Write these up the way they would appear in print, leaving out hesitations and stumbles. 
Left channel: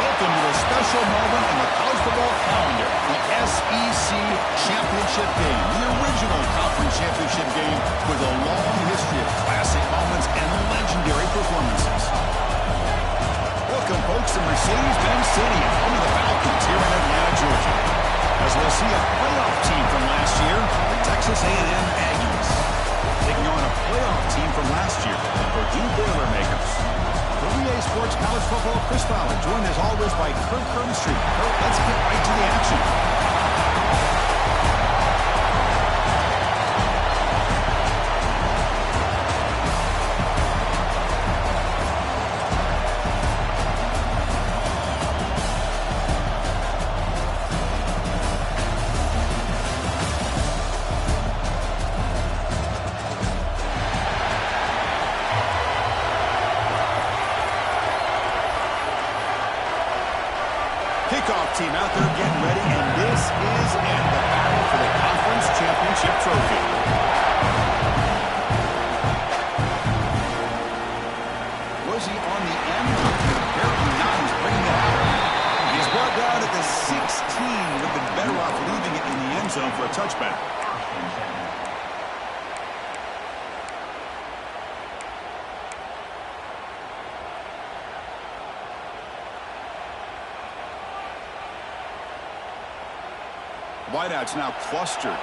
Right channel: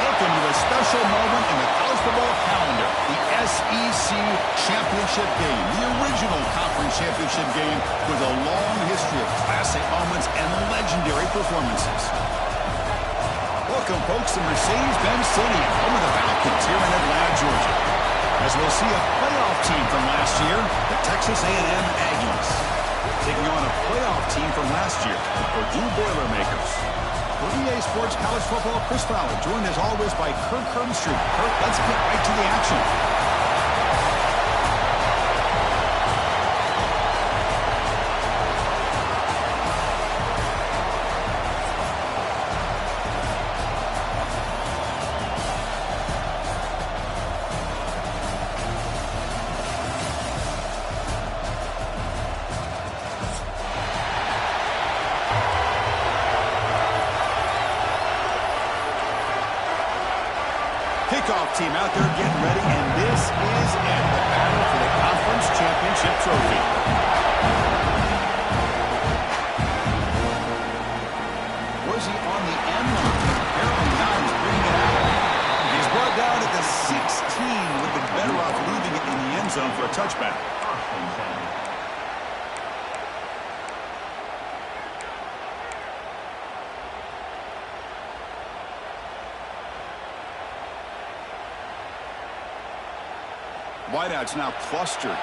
Welcome to a special moment in the college football calendar, the SEC Championship Game, the original conference championship game with a long history of classic moments and legendary performances. Welcome, folks, to Mercedes-Benz Stadium, home of the Falcons here in Atlanta, Georgia, as we'll see a playoff team from last year, the Texas A&M Aggies, taking on a playoff team from last year, the Purdue Boilermakers. For EA Sports College Football, Chris Fowler, joined as always by Kirk Herbstreit. Kirk, let's get right to the action. Kickoff team out there getting ready, and this is it, the battle for the conference championship trophy. Was he on the end line? Apparently not. He's bringing it out. He's brought down at the 16. Would have been better off leaving it in the end zone for a touchback. Wideouts now clustered.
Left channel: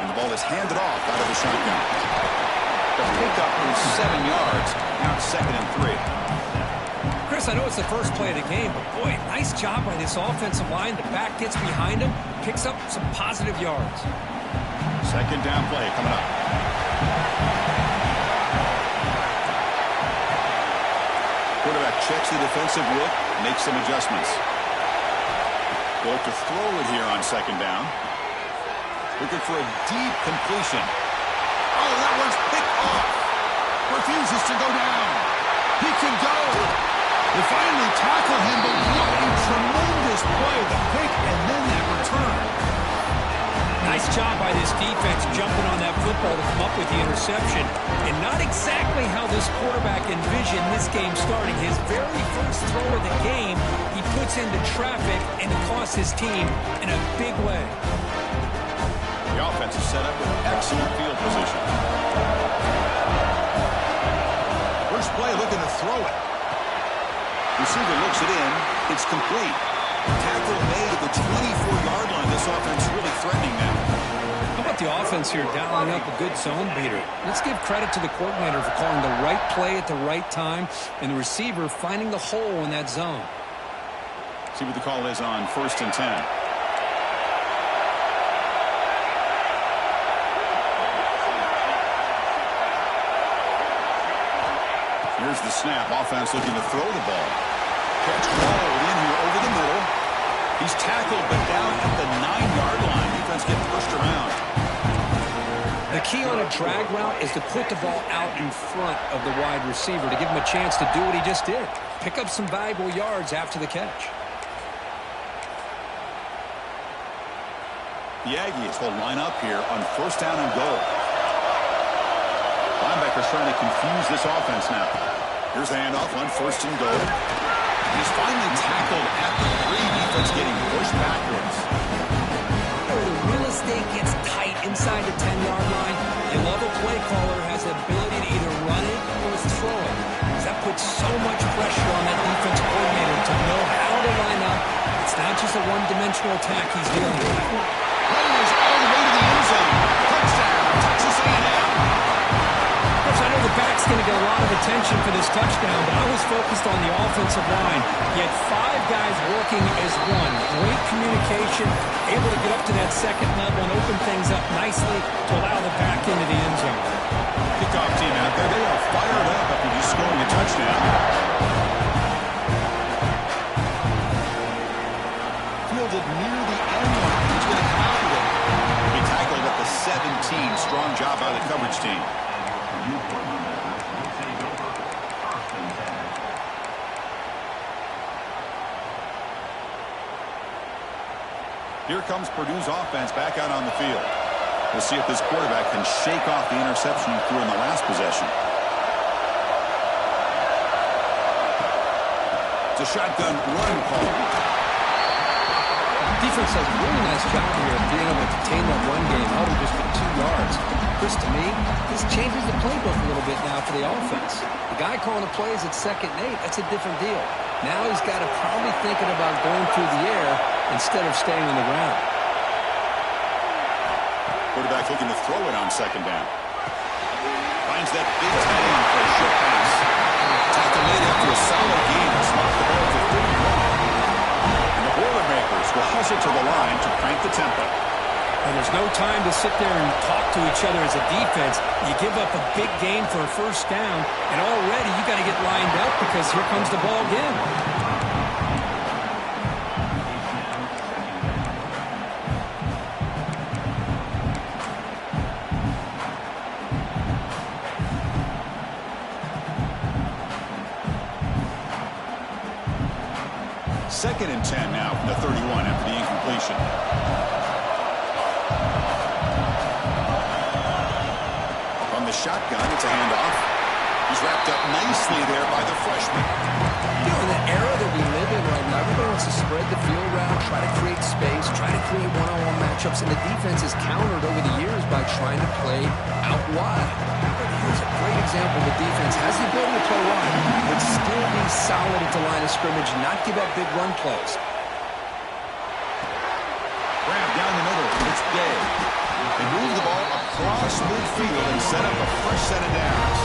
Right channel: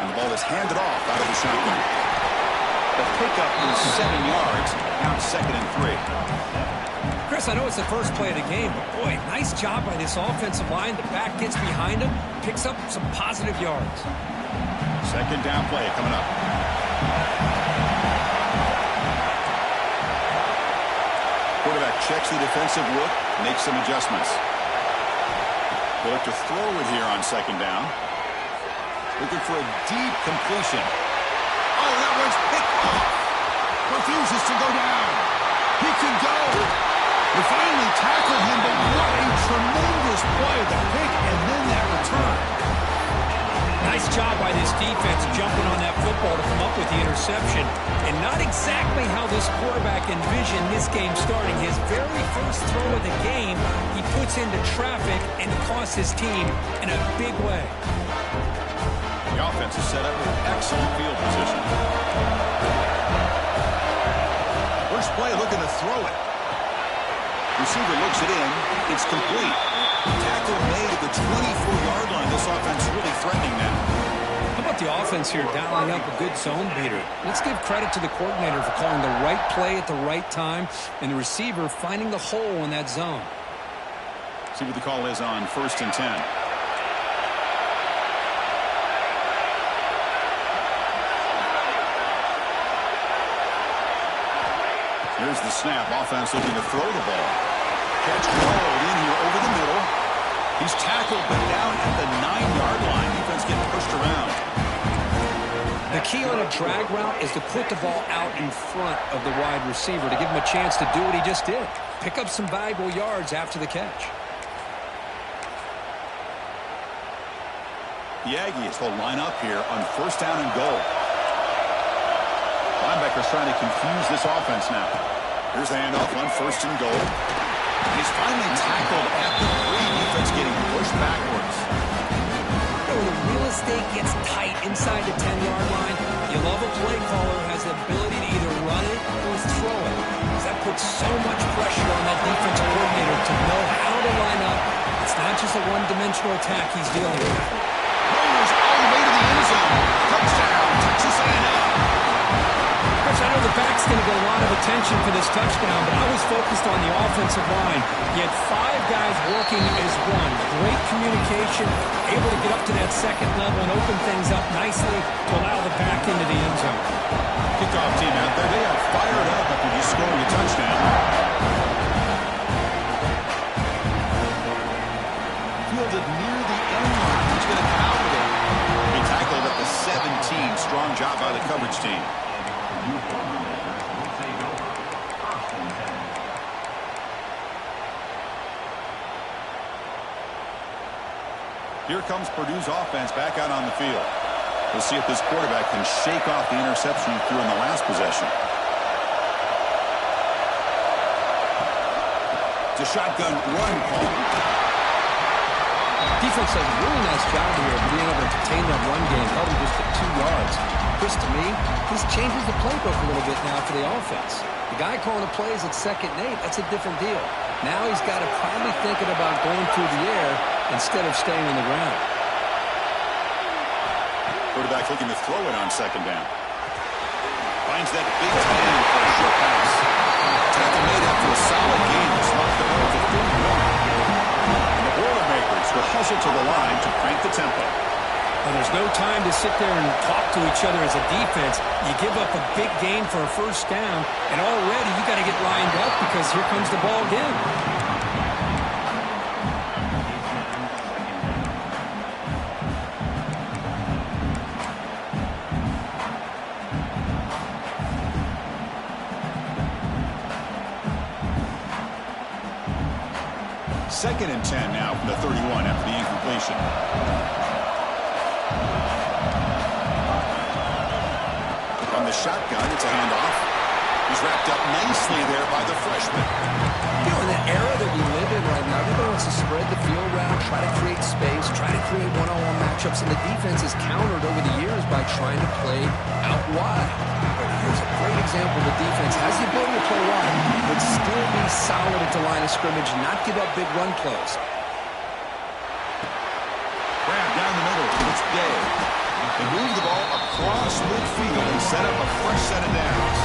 And the ball is handed off out of the shotgun. The pickup is 7 yards. Now it's 2nd and 3. Chris, I know it's the first play of the game, but boy, nice job by this offensive line. The back gets behind him, picks up some positive yards. 2nd down play coming up. Quarterback checks the defensive look, makes some adjustments. They'll look to throw it here on 2nd down. Looking for a deep completion. Oh, that one's picked off. Refuses to go down. He could go. We finally tackle him, but what a tremendous play. The pick and then that return. Nice job by this defense jumping on that football to come up with the interception. And not exactly how this quarterback envisioned this game starting. His very first throw of the game, he puts into traffic, and he costs his team in a big way. The offense is set up with excellent field position. First play looking to throw it. Receiver looks it in. It's complete. Tackle made at the 24-yard line. This offense really threatening now. How about the offense here dialing up a good zone beater? Let's give credit to the coordinator for calling the right play at the right time and the receiver finding the hole in that zone. See what the call is on 1st and 10. Here's the snap. Offense looking to throw the ball. Catch rolled in here over the middle. He's tackled, but down at the 9-yard line. Defense getting pushed around. The key on a drag route is to put the ball out in front of the wide receiver to give him a chance to do what he just did. Pick up some valuable yards after the catch. The Aggies will line up here on 1st down and goal. Linebackers trying to confuse this offense now. Here's the handoff on 1st and goal. And he's finally tackled at the 3. Defense getting pushed backwards. You know, the real estate gets tight inside the 10-yard line. You love a play caller has the ability to either run it or throw it. Because that puts so much pressure on that defensive coordinator to know how to line up. It's not just a one-dimensional attack he's dealing with. Rolls all the way to the end zone. Touchdown, Texas A&M. Chris, I know the back's going to get a lot of attention for this touchdown, but I was focused on the offensive line. He had 5 guys working as one. Great communication, able to get up to that 2nd level and open things up nicely to allow the back into the end zone. Kickoff team out there. They are fired up after just scoring a touchdown. Fielded near the end line. He's going to come out with it. He tackled at the 17. Strong job by the coverage team. Here comes Purdue's offense back out on the field. We'll see if this quarterback can shake off the interception he threw in the last possession. It's a shotgun run call. Defense does a really nice job here of being able to contain that run game, held him just at 2 yards. Chris, to me, this changes the playbook a little bit now for the offense. The guy calling the plays at 2nd and 8, that's a different deal. Now he's got to probably thinking about going through the air instead of staying on the ground. Quarterback looking to throw it on 2nd down. Finds that big tight end for a short pass. Tackle made after a solid game. It's locked the ball to 31. And the Boilermakers will hustle to the line to crank the tempo. And there's no time to sit there and talk to each other as a defense. You give up a big gain for a 1st down, and already you got to get lined up because here comes the ball again. Second and 10 now from the 31 after the incompletion. From the shotgun, it's a handoff. He's wrapped up nicely there by the freshman. You know, in the era that we live in right now, everybody wants to spread the field around, try to create space, try to create one-on-one matchups, and the defense has countered over the years by trying to play out wide. But here's a great example. The defense has the ability to play wide, but still be solid at the line of scrimmage, not give up big run plays. Grab down the middle. It's Day. They move the ball across midfield and set up a fresh set of downs.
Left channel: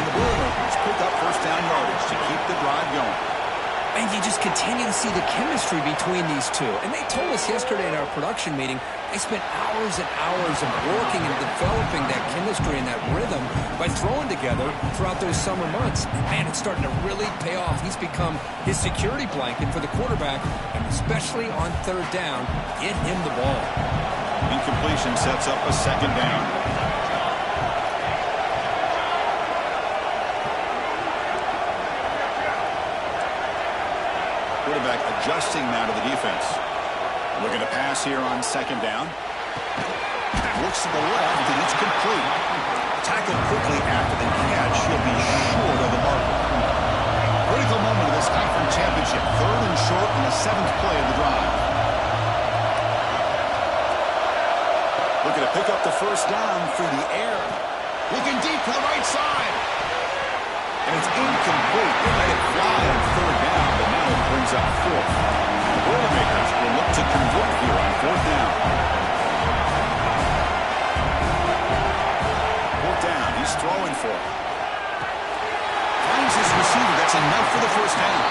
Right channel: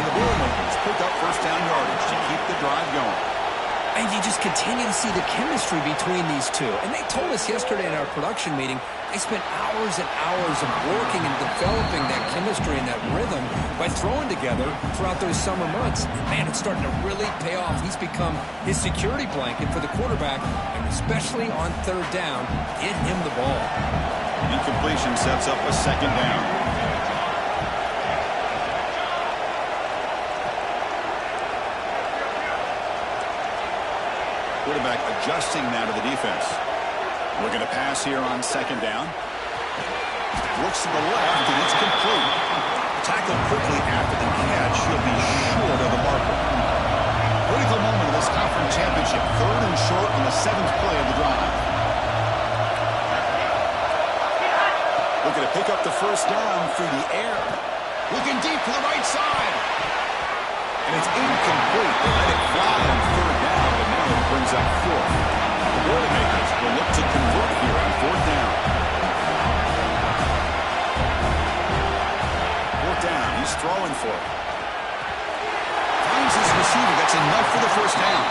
And the Boilermakers pick up 1st down yardage to keep the drive going. And you just continue to see the chemistry between these two. And they told us yesterday in our production meeting, they spent hours and hours of working and developing that chemistry and that rhythm by throwing together throughout those summer months. And man, it's starting to really pay off. He's become his security blanket for the quarterback, and especially on 3rd down, get him the ball. Incompletion sets up a 2nd down. Quarterback adjusting now to the defense. Looking to pass here on 2nd down. Looks to the left, and it's complete. Tackled quickly after the catch. He'll be short of the marker. Critical moment of this conference championship. 3rd and short on the 7th play of the drive. Looking to pick up the 1st down through the air. Looking deep to the right side. And it's incomplete. They let it fly on 3rd down, but now it brings up 4th. The Boilermakers will look to convert here on 4th down. 4th down. He's throwing for it. Finds his receiver. That's enough for the 1st down.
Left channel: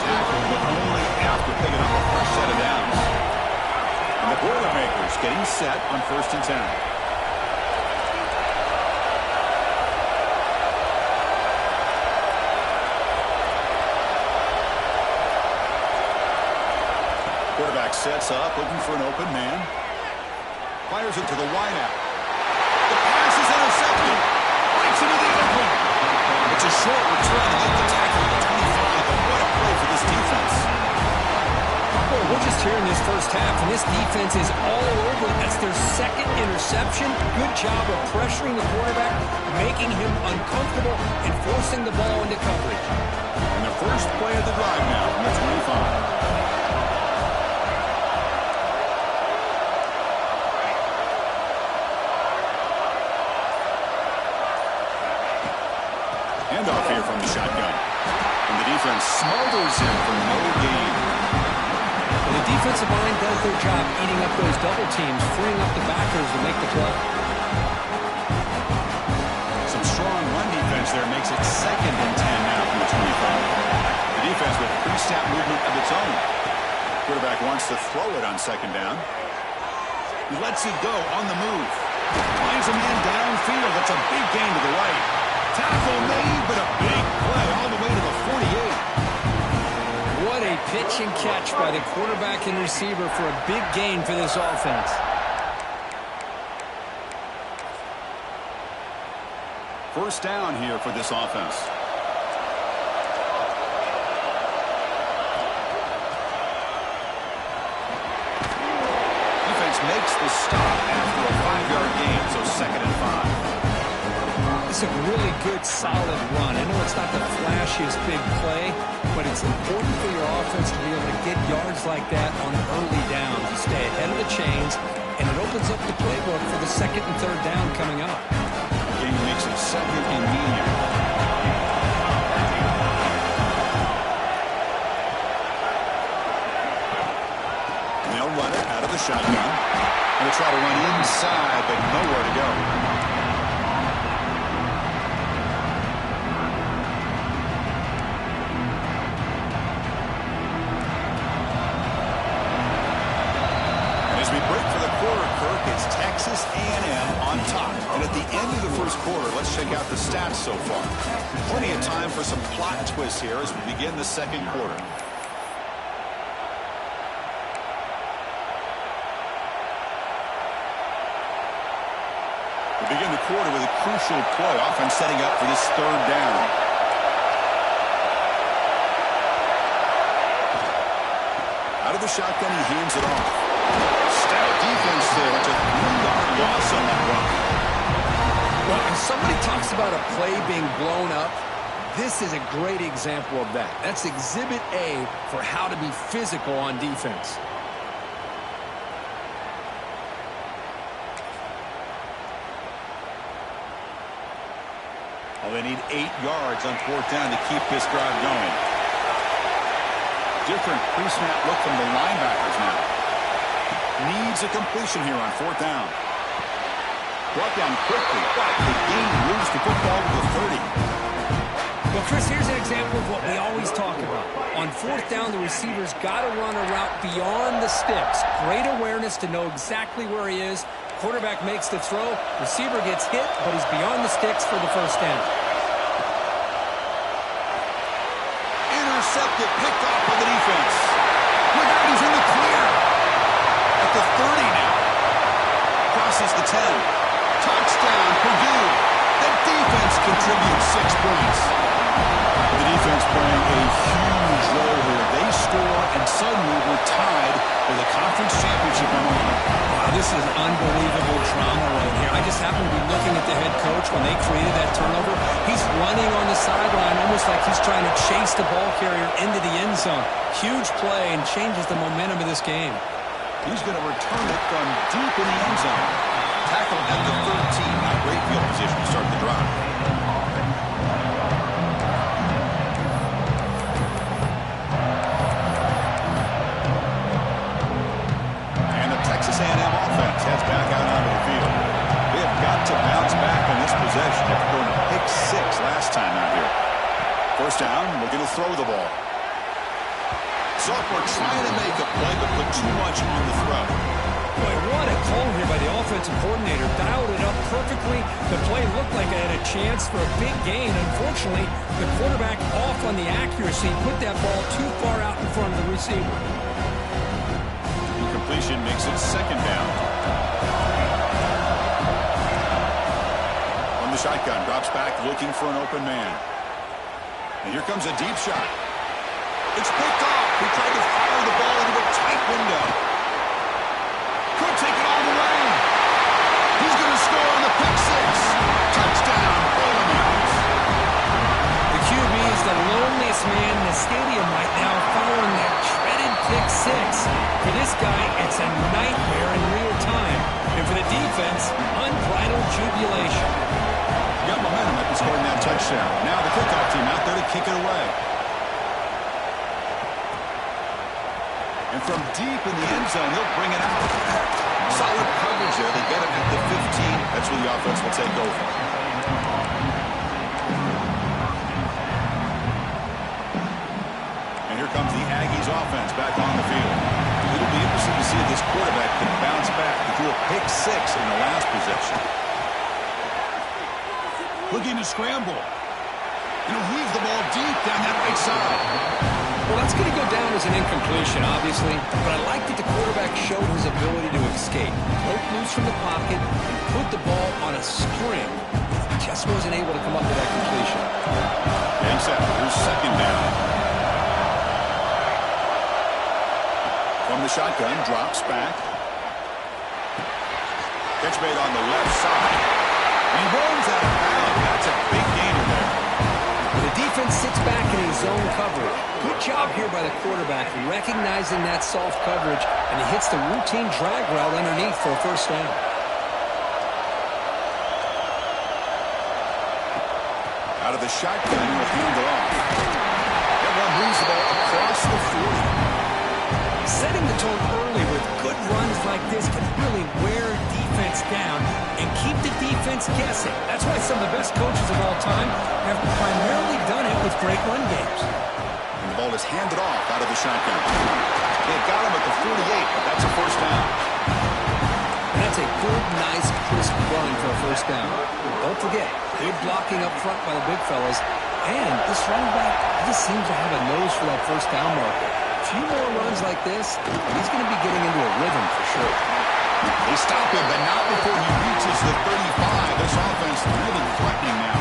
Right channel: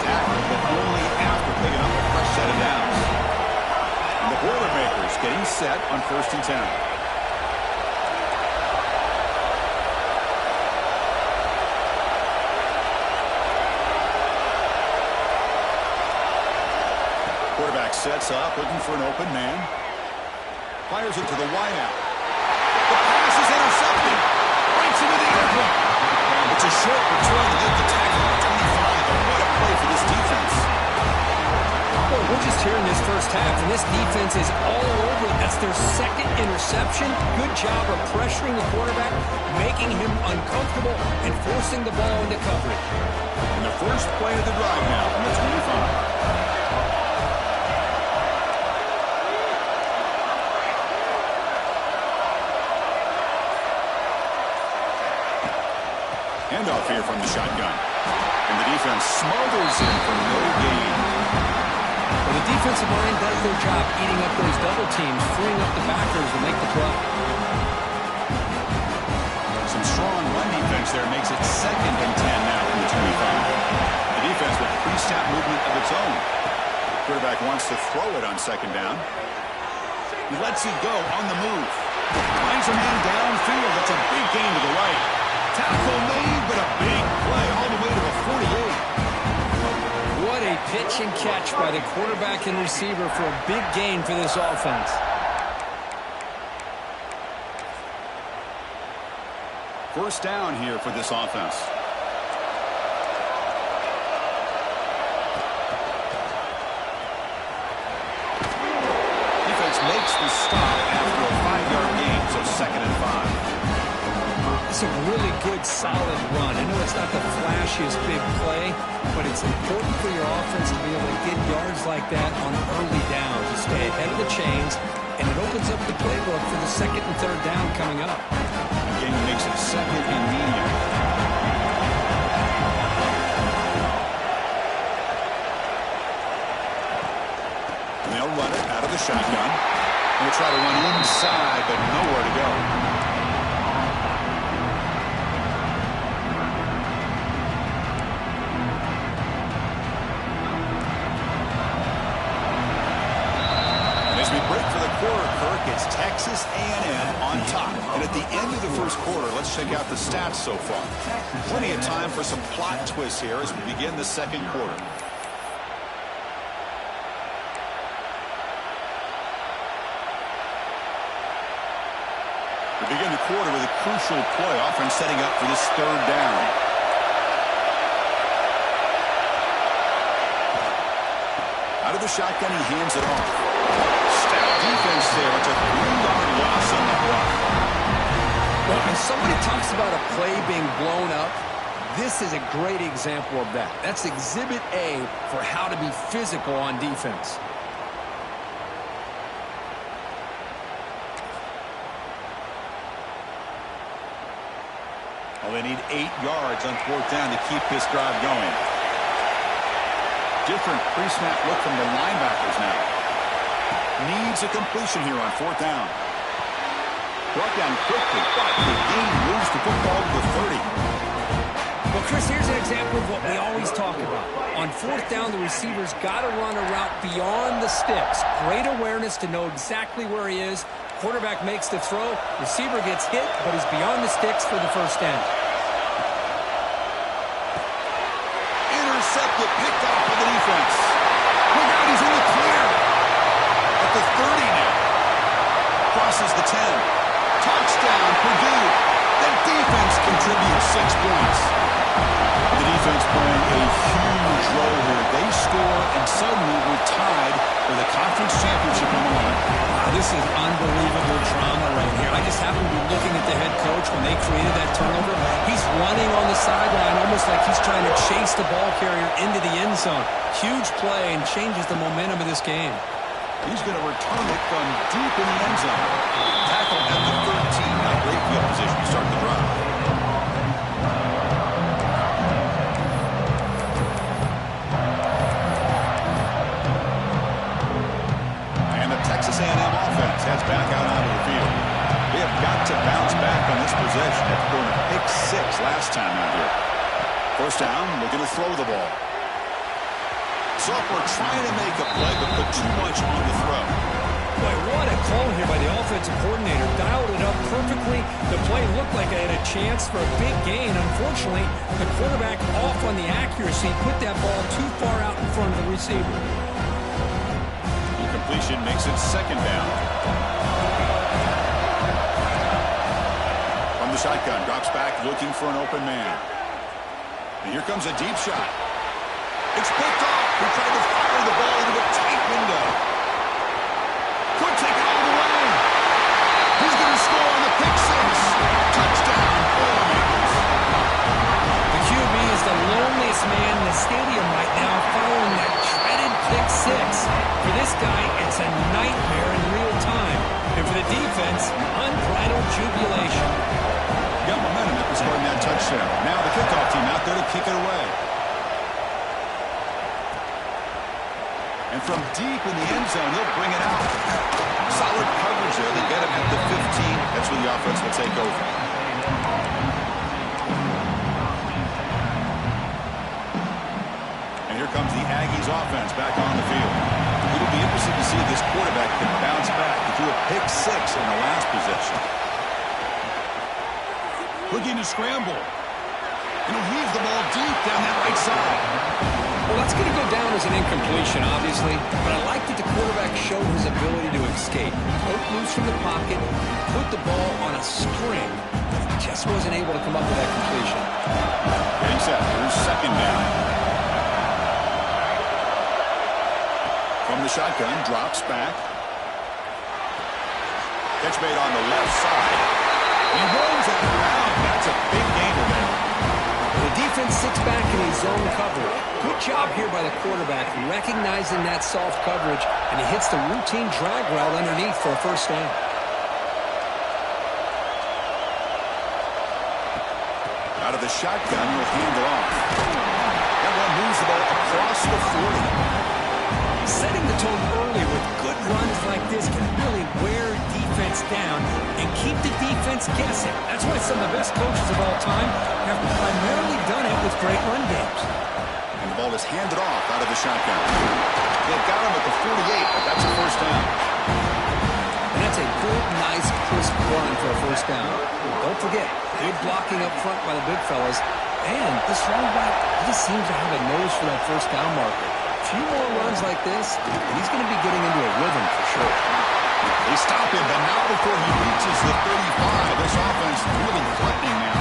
Tackle, but only after picking up a fresh set of downs. And the Boilermakers getting set on 1st and 10. Quarterback sets up, looking for an open man. Fires it to the wideout. The pass is intercepted. Breaks into the end zone. It's a short return to get the tackle at the 25, but what a play for this defense. Boy, we're just here in this 1st half, and this defense is all over it. That's their 2nd interception. Good job of pressuring the quarterback, making him uncomfortable, and forcing the ball into coverage. And the first play of the drive now from the 25. Handoff here from the shotgun. And the defense smothers him for no gain. Well, the defensive line does their job eating up those double teams, freeing up the backers to make the play. Some strong run defense there makes it 2nd and 10 now from the 25. The defense with pre-snap movement of its own. Quarterback wants to throw it on 2nd down. He lets it go on the move. Finds a man downfield. That's a big gain to the right. Tackle made, but a big play all the way to the 48. What a pitch and catch by the quarterback and receiver for a big gain for this offense. First down here for this offense. Defense makes the stop after a 5-yard gain, so 2nd and 5. It's a really good, solid run. I know it's not the flashiest big play, but it's important for your offense to be able to get yards like that on early downs. You stay ahead of the chains, and it opens up the playbook for the 2nd and 3rd down coming up. Again, makes it 2nd and medium. They'll run it out of the shotgun. And they'll try to run inside, but nowhere to go. As we break for the quarter, Kirk, it's Texas A&M on top. And at the end of the first quarter, let's check out the stats so far. Plenty of time for some plot twists here as we begin the second quarter. We begin the quarter with a crucial play, offense setting up for this 3rd down. Out of the shotgun, he hands it off. Stout defense there. It's a 3-yard loss on that run. Well, when somebody talks about a play being blown up, this is a great example of that. That's Exhibit A for how to be physical on defense. Well, they need 8 yards on 4th down to keep this drive going. Different pre-snap look from the linebackers now. Needs a completion here on 4th down. Brought down quickly, but the gain moves the football to the 30. Well, Chris, here's an example of what we always talk about. On 4th down, the receiver's got to run a route beyond the sticks. Great awareness to know exactly where he is. Quarterback makes the throw. Receiver gets hit, but he's beyond the sticks for the 1st down. Intercepted, picked off by the defense. Look out, he's in the clear. At the 30 now. Crosses the 10. Touchdown, Purdue. The defense contributes 6 points. The defense playing a huge role here. They score, and suddenly we're tied for the conference championship on the line. Wow, this is unbelievable drama right here. I just happen to be looking at the head coach when they created that turnover. He's running on the sideline almost like he's trying to chase the ball carrier into the end zone. Huge play and changes the momentum of this game. He's going to return it from deep in the end zone. Tackle at the 13. Not great field position to start the drive. And the Texas A&M offense heads back out onto the field. They have got to bounce back on this possession after throwing a pick 6 last time out here. 1st down, looking to throw the ball. Sophomore trying to make a play, but put too much on the throw. Boy, what a call here by the offensive coordinator. Dialed it up perfectly. The play looked like it had a chance for a big gain. Unfortunately, the quarterback off on the accuracy, put that ball too far out in front of the receiver. Incompletion makes it 2nd down. From the shotgun, drops back looking for an open man. And here comes a deep shot. It's picked off. He tried to fire the ball into a tight window. Could take it all the way. He's going to score on the pick 6. Touchdown, Boilermakers. The QB is the loneliest man in the stadium right now following that dreaded pick 6. For this guy, it's a nightmare in real time. And for the defense, unbridled jubilation. Got momentum after scoring that touchdown. Now the kickoff team out there to kick it away. And from deep in the end zone, he'll bring it out. Solid coverage there. They get him at the 15. That's where the offense will take over. And here comes the Aggies offense back on the field. It'll be interesting to see if this quarterback can bounce back. He threw a pick 6 in the last possession. Looking to scramble. And he'll weave the ball deep down that right side. Well, that's going to go down as an incompletion, obviously, but I like that the quarterback showed his ability to escape. Broke loose from the pocket and put the ball on a string. Just wasn't able to come up with that completion. Getting set. Here's 2nd down. From the shotgun, drops back. Catch made on the left side. And he runs out of bounds. That's a big gainer there. The defense sits back in a zone coverage. Good job here by the quarterback, recognizing that soft coverage, and he hits the routine drag route underneath for a first down. Out of the shotgun, he'll hand it off. That one moves the ball across the 40. Setting the tone early with good runs like this can really wear defense down and keep the defense guessing. That's why some of the best coaches of all time have primarily done it with great run games. And the ball is handed off out of the shotgun. They've got him at the 48, but that's a first down. And that's a good, nice, crisp run for a first down. Don't forget, good blocking up front by the big fellas. And this running back, he just seems to have a nose for that first down marker. A few more runs like this, and he's going to be getting into a rhythm for sure. They stop him, but not before he reaches the 35. This offense really threatening now.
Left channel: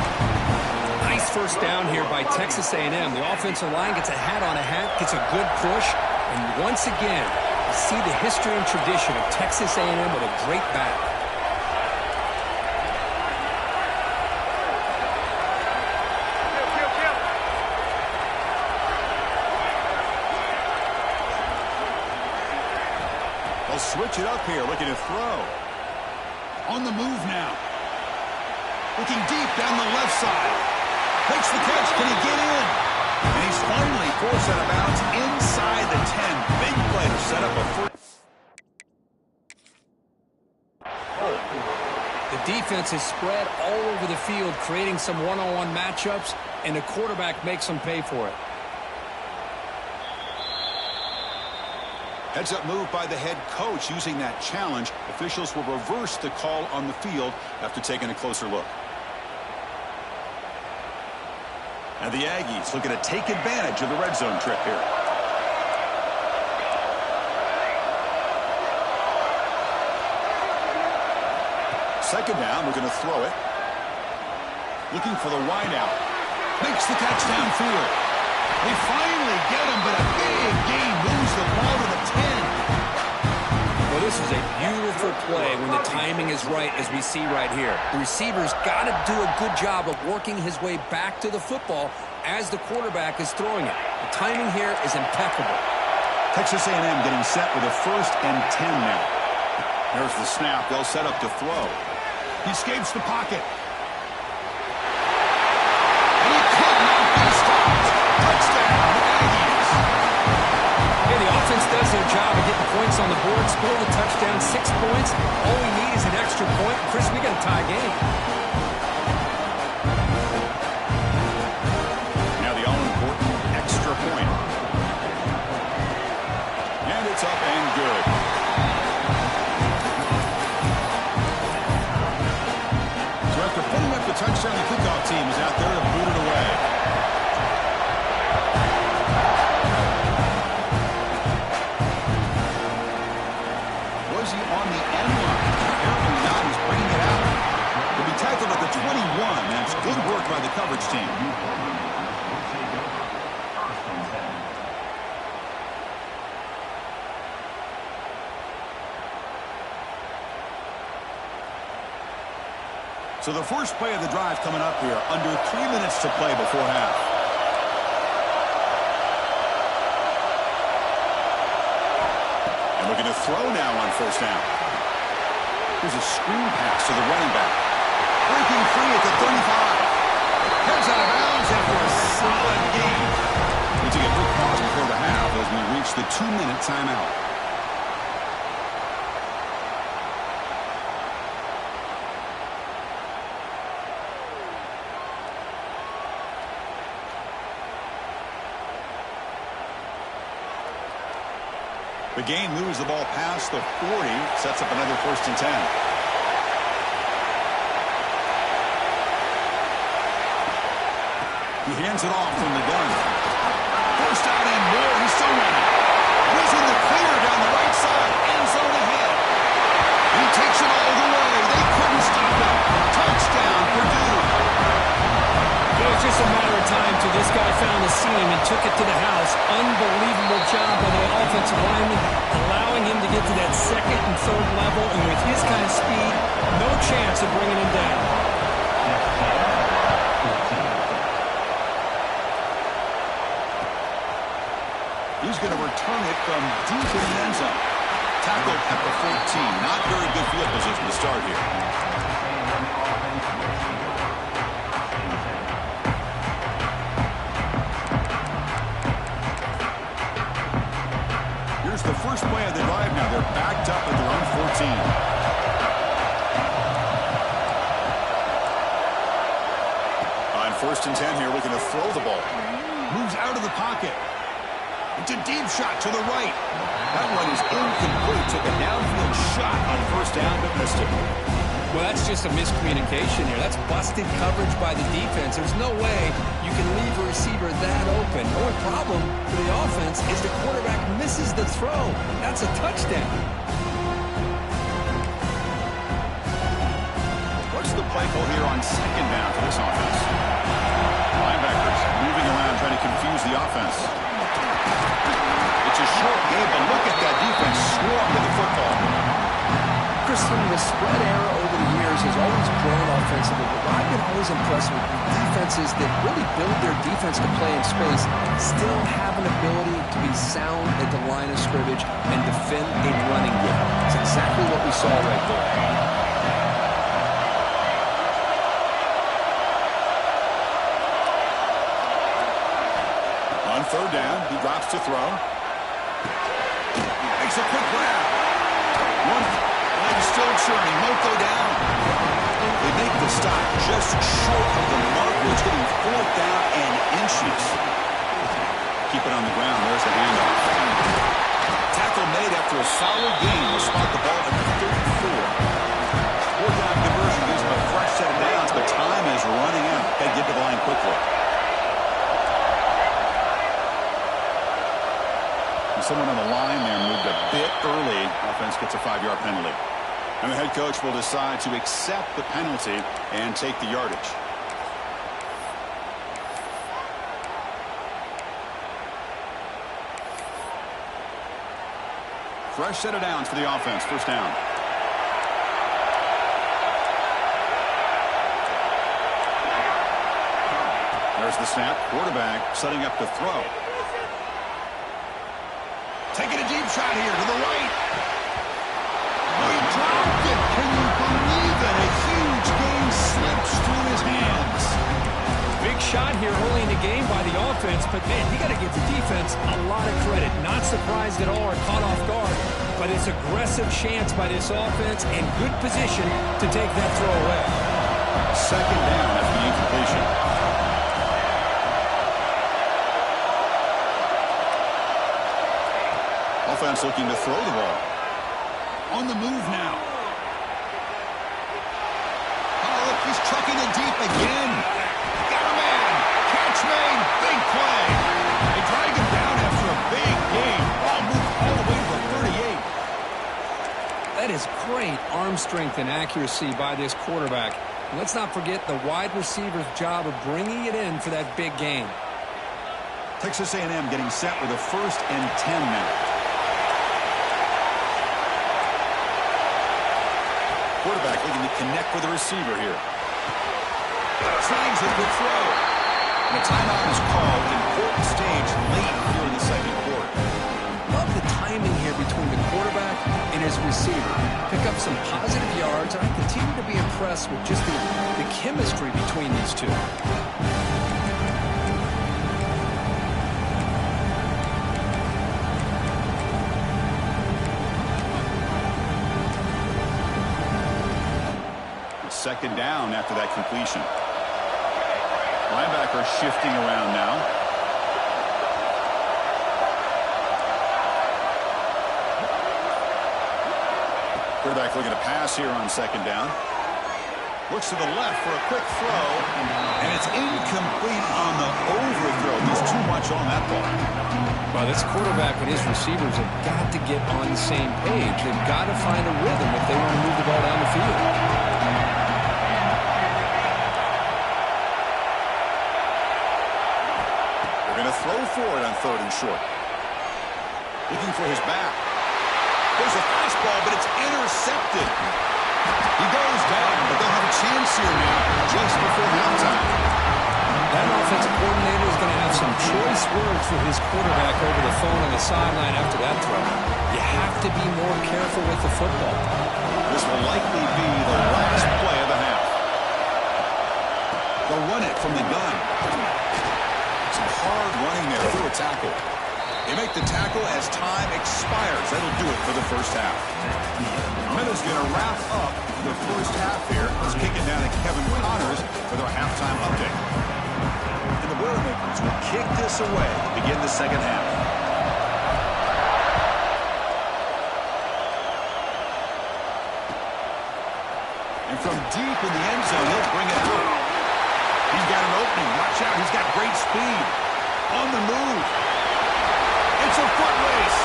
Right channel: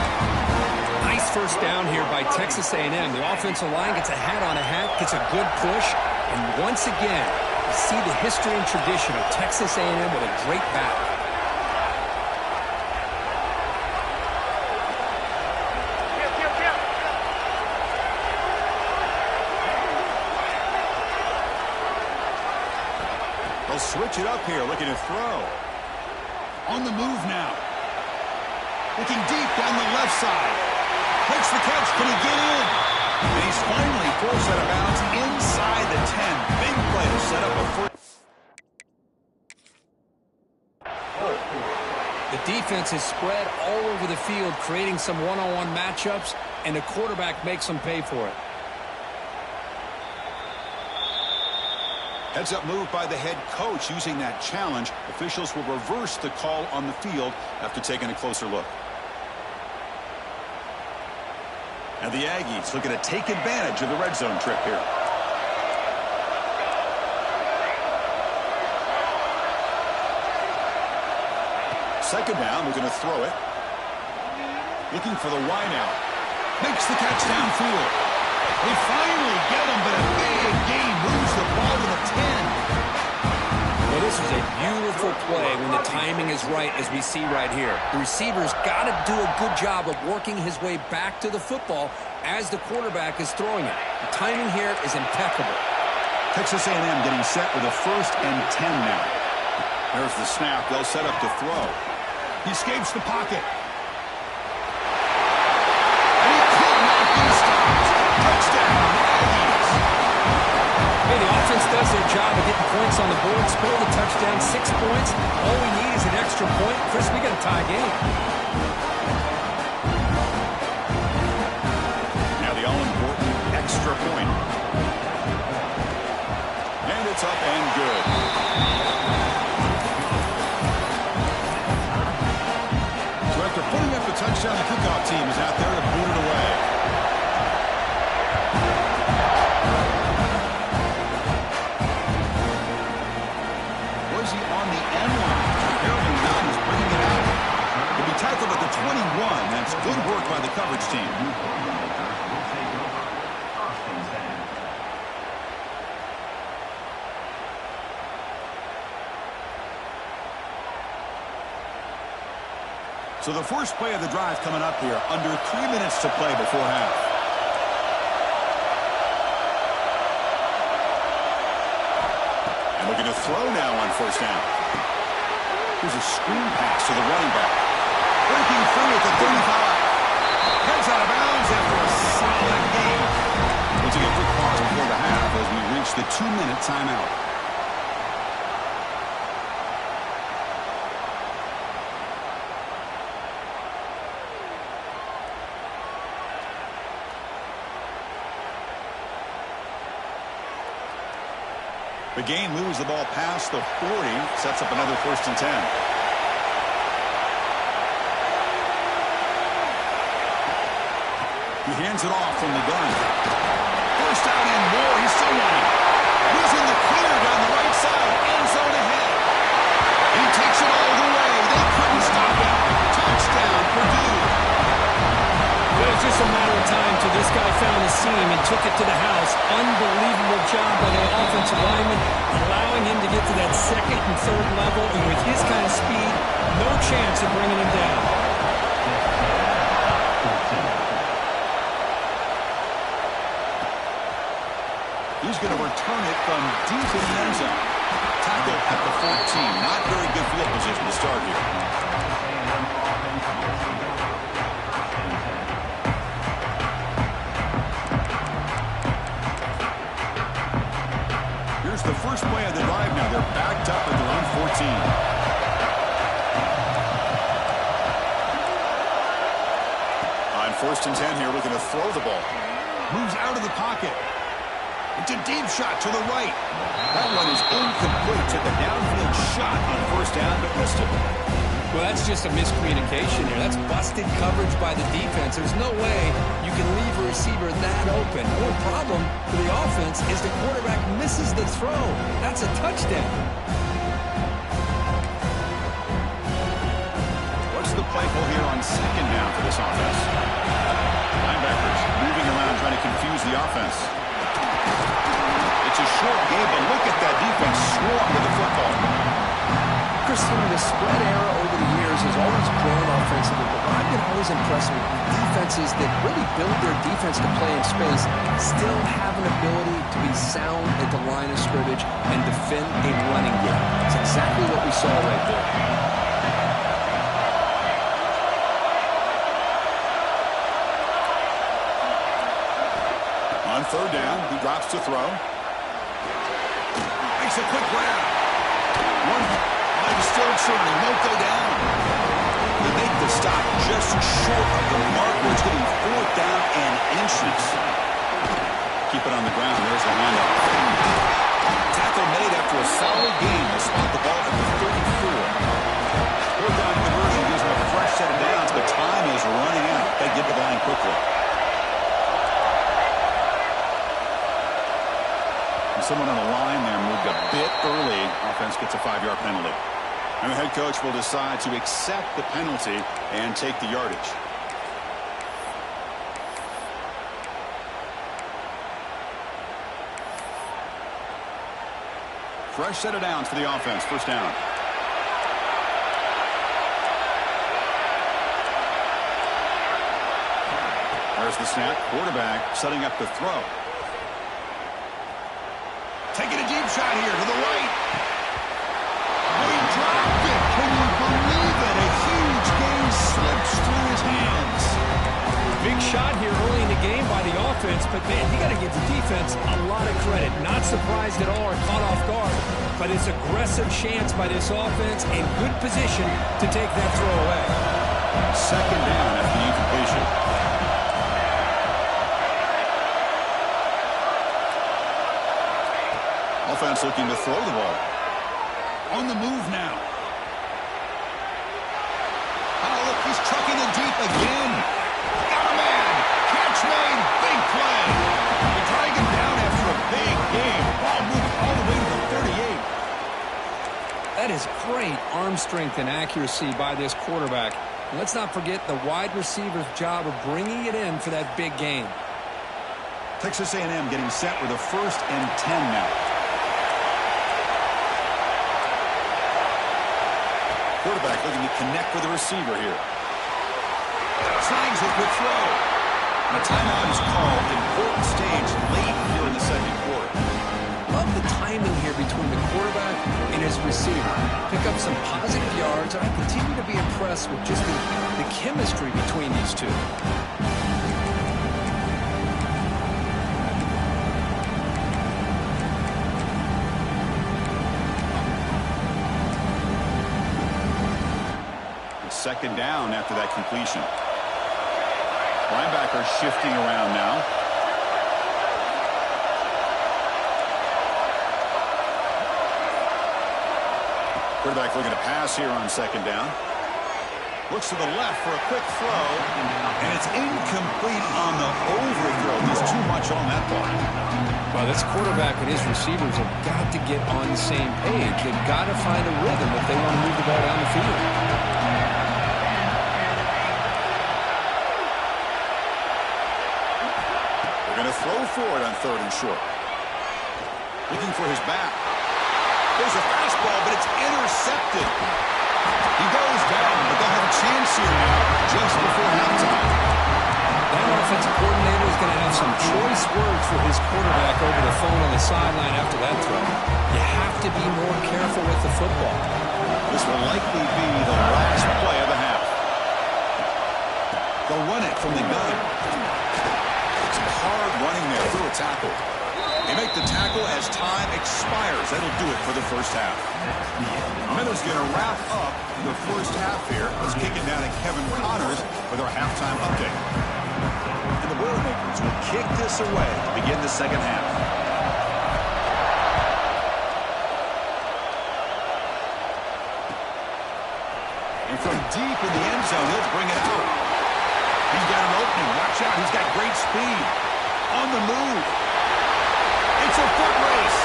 Nice first down here by Texas A&M. The offensive line gets a hat on a hat, gets a good push, and once again, you see the history and tradition of Texas A&M with a great back. They'll switch it up here, looking to throw. On the move now. Looking deep down the left side. Makes the catch. Can he get in? And he's finally forced out of bounds inside the 10. Big play to set up a first. The defense is spread all over the field, creating some one-on-one matchups, and the quarterback makes them pay for it. Heads-up move by the head coach using that challenge. Officials will reverse the call on the field after taking a closer look. And the Aggies looking to take advantage of the red zone trip here. Second down, we're going to throw it. Looking for the wide out. Makes the catch downfield. They finally get him, but a big gain moves the ball to the 10. Well, this is a beautiful play when the timing is right, as we see right here. The receiver's got to do a good job of working his way back to the football as the quarterback is throwing it. The timing here is impeccable. Texas A&M getting set with a 1st and 10 now. There's the snap. They'll set up to throw. He escapes the pocket. And he could not be stopped. Touchdown, Aggies. Hey, the offense does their job of getting points on the board. Score the touchdown, 6 points. All we need is an extra point. Chris, we got a tie game. Now the all-important extra point. And it's up and good. So after putting up the touchdown, the kickoff team is out there to boot it away. Was he on the end line? Apparently not. He's bringing it out. He'll be tackled at the 21. That's good work by the coverage team. So the first play of the drive coming up here. Under 3 minutes to play before half. And looking to throw now on first down. Here's a screen pass to the running back. Breaking free at the 35. Heads out of bounds after a solid game. We'll take a quick pause before the half as we reach the 2-minute timeout. The game moves the ball past the 40, sets up another 1st and 10. He hands it off from the gun. First down and more. He's still running. And he's in the clear down the right side. End zone ahead. He takes it all the way. They couldn't stop him. Touchdown, Purdue. Good was just a matter of time till this guy found the seam and took it to the house. Unbelievable job by the offensive lineman, allowing him to get to that second and third level. And with his kind of speed, no chance of bringing him down. He's going to return it from deep in the end zone. Tackled at the 14. Not very good field position to start here. Here's the first play of the drive now. They're backed up at their own 14. On 1st and 10 here, looking to throw the ball. Moves out of the pocket. It's a deep shot to the right. That one is incomplete. Took a downfield shot on 1st down, but missed it. Well, that's just a miscommunication here. That's busted coverage by the defense. There's no way you can leave a receiver that open. The only problem for the offense is the quarterback misses the throw. That's a touchdown. What's the play call here on 2nd down for this offense? Linebackers moving around, trying to confuse the offense. It's a short game, but look at that defense swarm with the football. Christian, the spread era over the years has always grown offensively, but I've been always impressed with defenses that really build their defense to play in space, still have an ability to be sound at the line of scrimmage and defend a running game. It's exactly what we saw right there. On 3rd down, he drops to throw. Makes a quick grab. One leg is still churning. Won't go down. They make the stop just short of the mark where it's getting 4th down and inches. Keep it on the ground. There's the handoff. Tackle made after a solid gain. Will spot the ball at the 34. 4th down conversion gives them a fresh set of downs, but time is running out. Got to get to the line quickly. Someone on the line there moved a bit early. Offense gets a 5-yard penalty. And the head coach will decide to accept the penalty and take the yardage. Fresh set of downs for the offense. 1st down. There's the snap. Quarterback setting up to throw. Taking a deep shot here to the right. Oh, he dropped it. Can you believe it? A huge gain slips through his hands. Big shot here early in the game by the offense, but, man, you got to give the defense a lot of credit. Not surprised at all or caught off guard, but it's aggressive chance by this offense and good position to take that throw away. 2nd down after the incompletion. Offense looking to throw the ball. On the move now. Oh, look, he's trucking it deep again. Got a man. Catch made. Big play. They drag him down after a big game. Ball moved all the way to the 38. That is great arm strength and accuracy by this quarterback. And let's not forget the wide receiver's job of bringing it in for that big game. Texas A&M getting set with a 1st and 10 now. Quarterback looking to connect with the receiver here. Snags a good throw. And a timeout is called. Important stage late here in the 2nd quarter. Love the timing here between the quarterback and his receiver. Pick up some positive yards, and I continue to be impressed with just the chemistry between these two. Second down after that completion. Linebacker shifting around now. Quarterback looking to pass here on 2nd down. Looks to the left for a quick throw, and it's incomplete on the overthrow. There's too much on that ball. Well, this quarterback and his receivers have got to get on the same page. They've got to find a rhythm if they want to move the ball down the field. to throw for it on 3rd and short. Looking for his back. There's a fastball, but it's intercepted. He goes down, but they'll have a chance here now just before halftime. That offensive coordinator is going to have some choice words for his quarterback over the phone on the sideline after that throw. You have to be more careful with the football. This will likely be the last play of the half. They'll run it from the gun. Some hard running there through a tackle. They make the tackle as time expires. That'll do it for the first half. Miller's going to wrap up the first half here. Let's kick it down to Kevin Connors with our halftime update. And the Boilermakers will kick this away to begin the second half. And from deep in the end zone, he'll bring it out. He's got an opening. Watch out. He's got great speed. On the move. It's a foot race.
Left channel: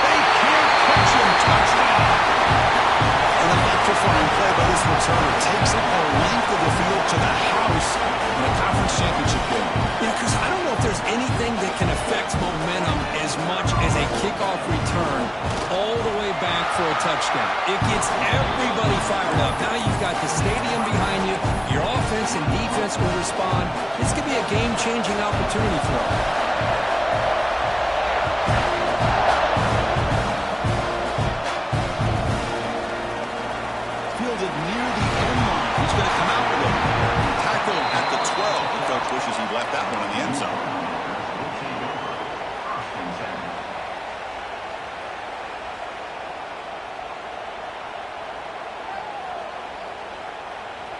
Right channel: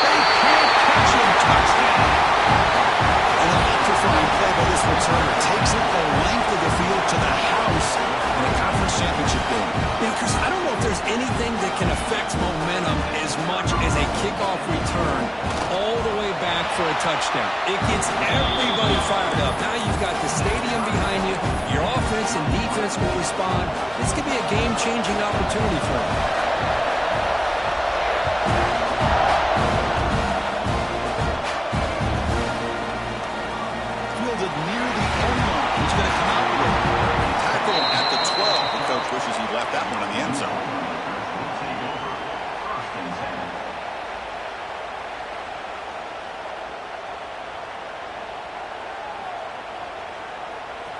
They can't catch him. Touchdown. An electrifying play by this returner. Takes it the length of the field to the house in a conference championship game. Yeah, Chris, I don't know if there's anything that can affect momentum as much as a kickoff return all the way back for a touchdown. It gets everybody fired up. Now you've got the stadium behind you. Your offense and defense will respond. This could be a game-changing opportunity for them. Fielded near the end line. He's going to come out with it. Tackled at the 12. The coach wishes he'd left that one in the end zone.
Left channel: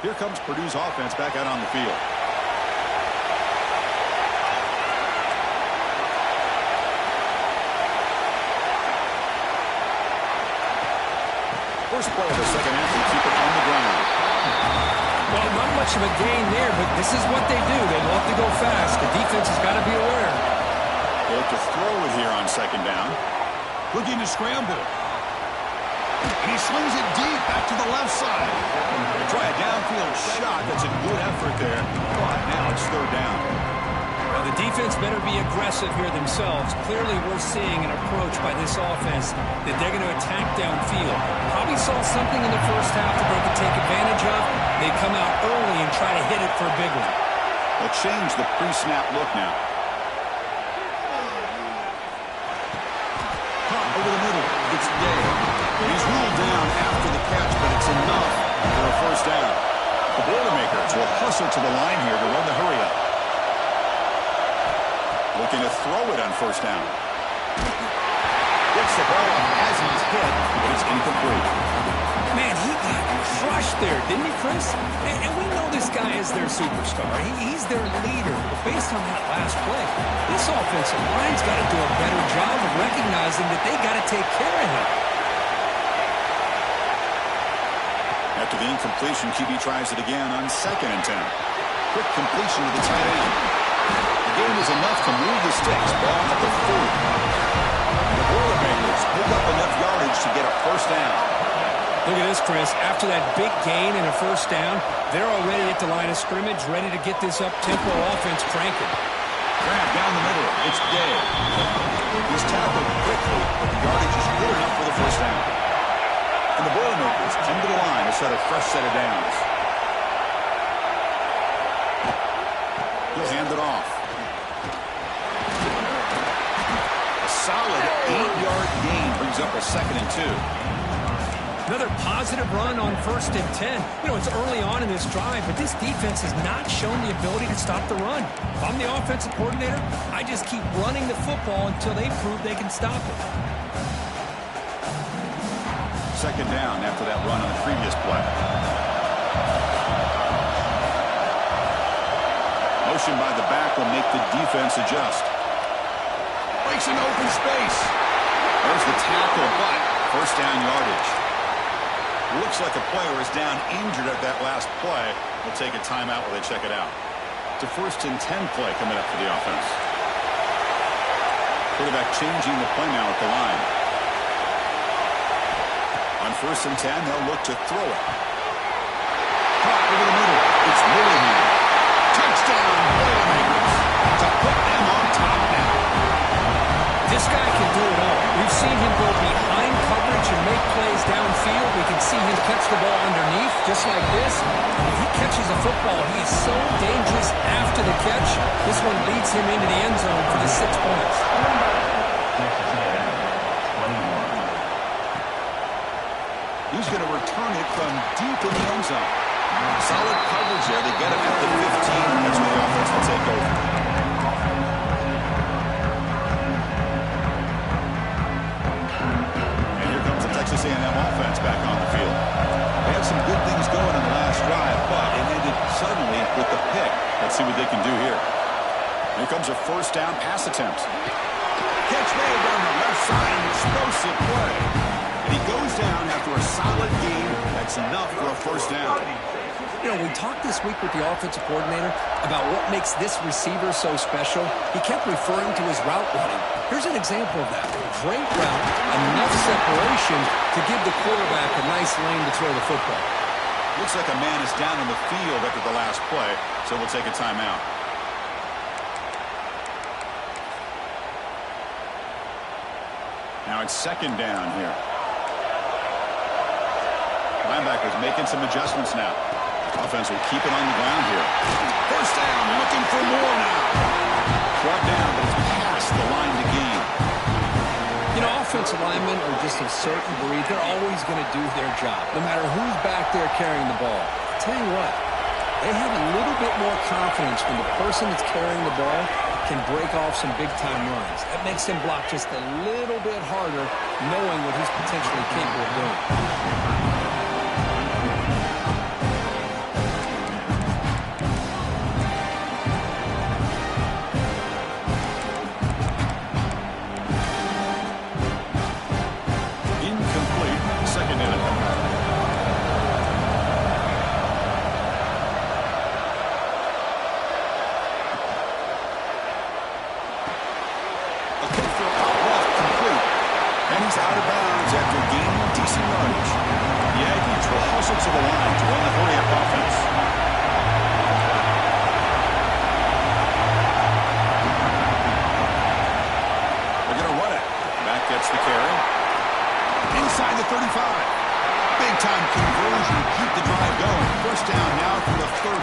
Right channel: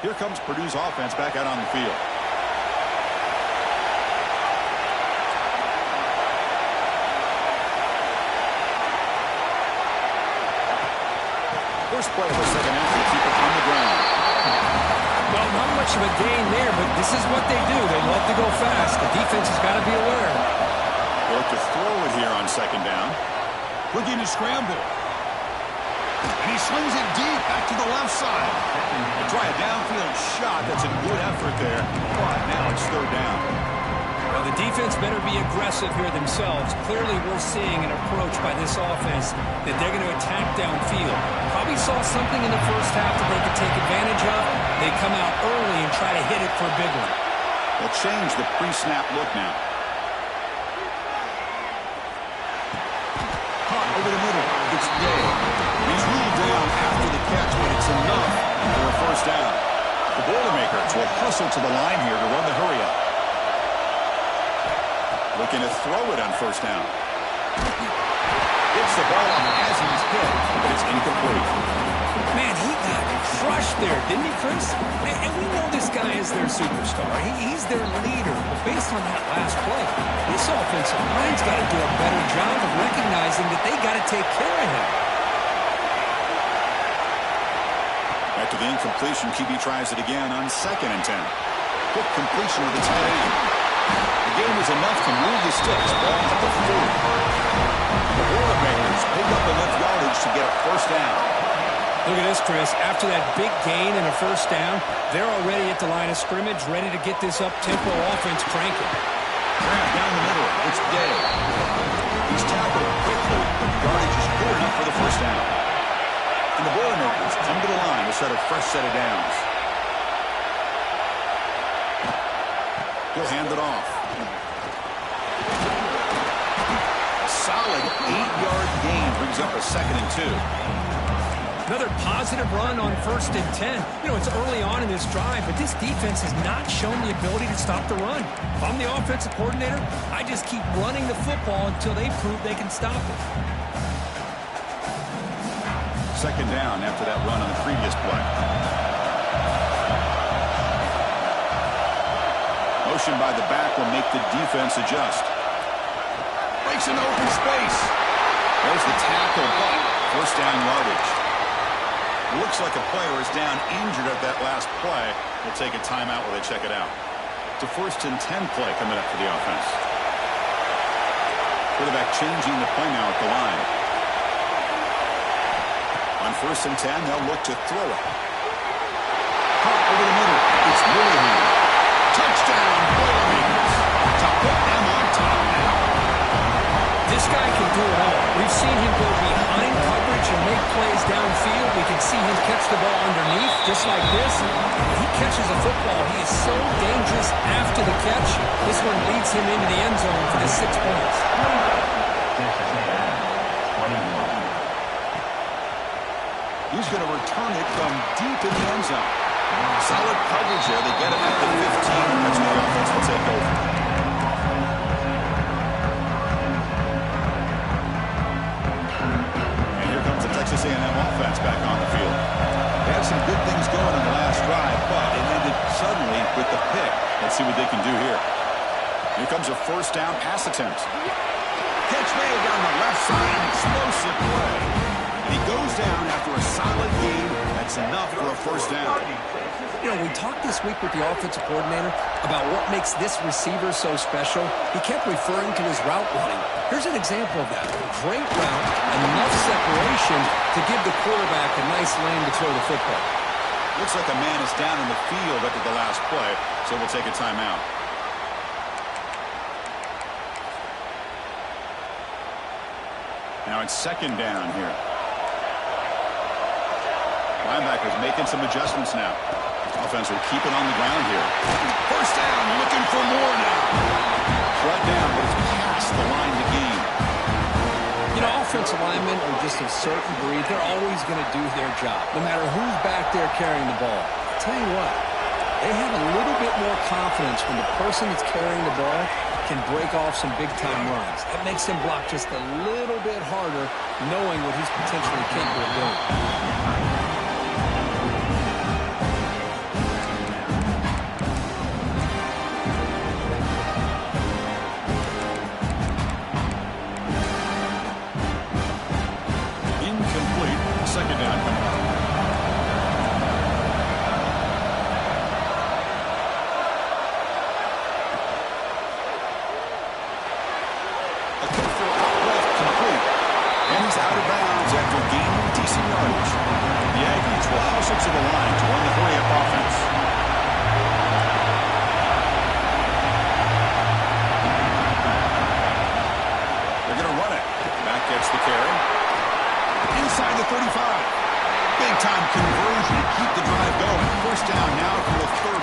Here comes Purdue's offense back out on the field. First play of the second half, they keep it on the ground. Well, not much of a gain there, but this is what they do. They love to go fast. The defense has got to be aware. They look to throw it here on second down. Looking to scramble. And he slings it deep back to the left side. They try a downfield shot. That's a good effort there. But now it's 3rd down. Well, the defense better be aggressive here themselves. Clearly, we're seeing an approach by this offense that they're going to attack downfield. Probably saw something in the first half that they could take advantage of. They come out early and try to hit it for a big one. They'll change the pre-snap look now. Caught over the middle. It's Day. He's ruled down after the catch, but it's enough for a first down. The Boilermakers will hustle to the line here to run the hurry up. Looking to throw it on first down. Gets the ball up as he's hit, but it's incomplete. Man, he got crushed there, didn't he, Chris? And we know this guy is their superstar. He's their leader. But based on that last play, this offensive line's got to do a better job of recognizing that they got to take care of him. After the incompletion, QB tries it again on 2nd and 10. Quick completion to the tight end. The game is enough to move the sticks. Ball at the 40. The Boilermakers pick up enough yardage to get a first down. Look at this, Chris. After that big gain and a first down, they're already at the line of scrimmage, ready to get this up-tempo offense cranking. Grab down the middle. It's Day. He's tackled quickly, but the yardage is good enough for the first down. And the Boilermakers come to the line to set a fresh set of downs. He'll hand it off. A solid 8-yard gain brings up a 2nd and 2. Another positive run on 1st and 10. You know, it's early on in this drive, but this defense has not shown the ability to stop the run. If I'm the offensive coordinator, I just keep running the football until they prove they can stop it. 2nd down after that run on the previous play. Motion by the back will make the defense adjust. Breaks an open space. There's the tackle, but first down yardage. Looks like a player is down injured at that last play. We'll take a timeout while they check it out. It's a 1st and 10 play coming up for the offense. Quarterback changing the play now at the line. On 1st and 10, they'll look to throw it. Caught over the middle. It's Willingham. Touchdown, Boilermakers, to put them on top now. This guy can do it all. We've seen him go behind coverage and make plays downfield. We can see him catch the ball underneath, just like this. When he catches a football, he is so dangerous after the catch. This one leads him into the end zone for the 6 points. He's going to return it from deep in the end zone. Solid coverage there. They get him at the 15. That's where the offense will take over. And here comes the Texas A&M offense back on the field. They had some good things going on the last drive, but it ended suddenly with the pick. Let's see what they can do here. Here comes a first down pass attempt. Catch made down the left side, an explosive play. And he goes down after a solid game. That's enough for a first down. You know, we talked this week with the offensive coordinator about what makes this receiver so special. He kept referring to his route running. Here's an example of that. Great route, enough separation to give the quarterback a nice lane to throw the football. Looks like a man is down in the field after the last play, so we'll take a timeout. Now it's second down here. Linebackers making some adjustments now. Offense will keep it on the ground here. First down, looking for more now. Brought down, but it's past the line to gain. You know, offensive linemen are just a certain breed. They're always going to do their job, no matter who's back there carrying the ball. I'll tell you what, they have a little bit more confidence when the person that's carrying the ball can break off some big-time runs. That makes him block just a little bit harder, knowing what he's potentially capable of doing. Second down coming up. A kick throw out left, complete. And he's out of bounds after gaining decent yardage. The Aggies will hustle to the line to run the hurry-up offense. They're going to run it. Back gets the carry. Inside the 35. Big-time conversion to keep the drive going. First down now from the 30.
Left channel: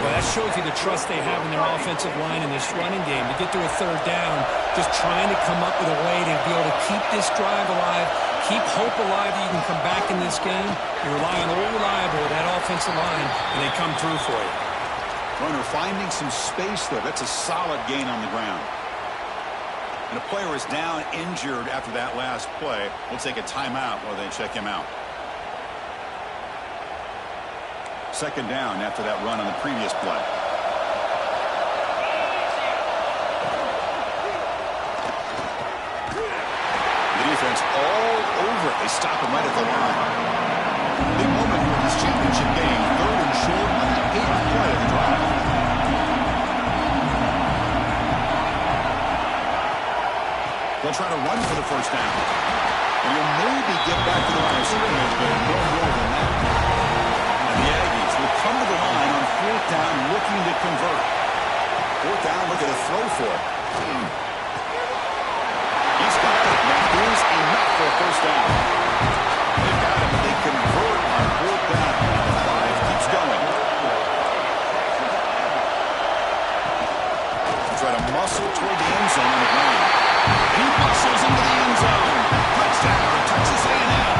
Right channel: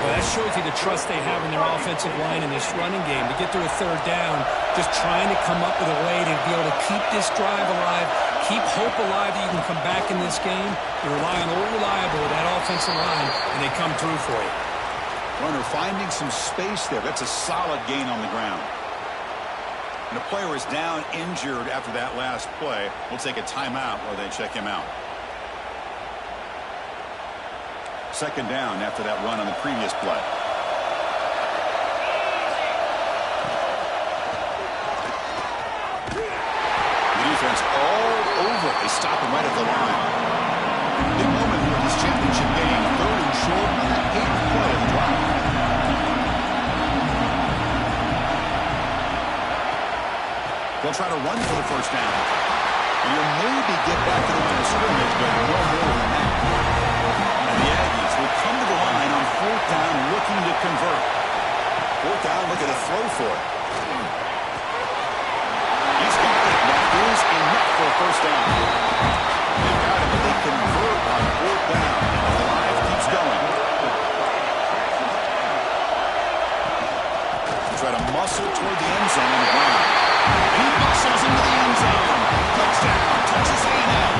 Well, that shows you the trust they have in their offensive line in this running game. To get to a third down, just trying to come up with a way to be able to keep this drive alive, keep hope alive that you can come back in this game. You rely on old reliable, that offensive line, and they come through for you. Runner finding some space there. That's a solid gain on the ground. And a player is down injured after that last play. We'll take a timeout while they check him out. Second down after that run on the previous play. The defense all over it. They stop him right at the line. Big moment here in this championship game. Third and short on the 8th play of the drive. They'll try to run for the first down. And he'll maybe get back to the line of scrimmage, but no more than that. And the Aggies will come to the line on fourth down looking to convert. Fourth down, looking to throw for it. He's got it. That is enough for a first down. They've got it, but they convert on fourth down. And the drive keeps going. Try to muscle toward the end zone on the ground. And he muscles into the end zone. Touchdown, Texas A&M.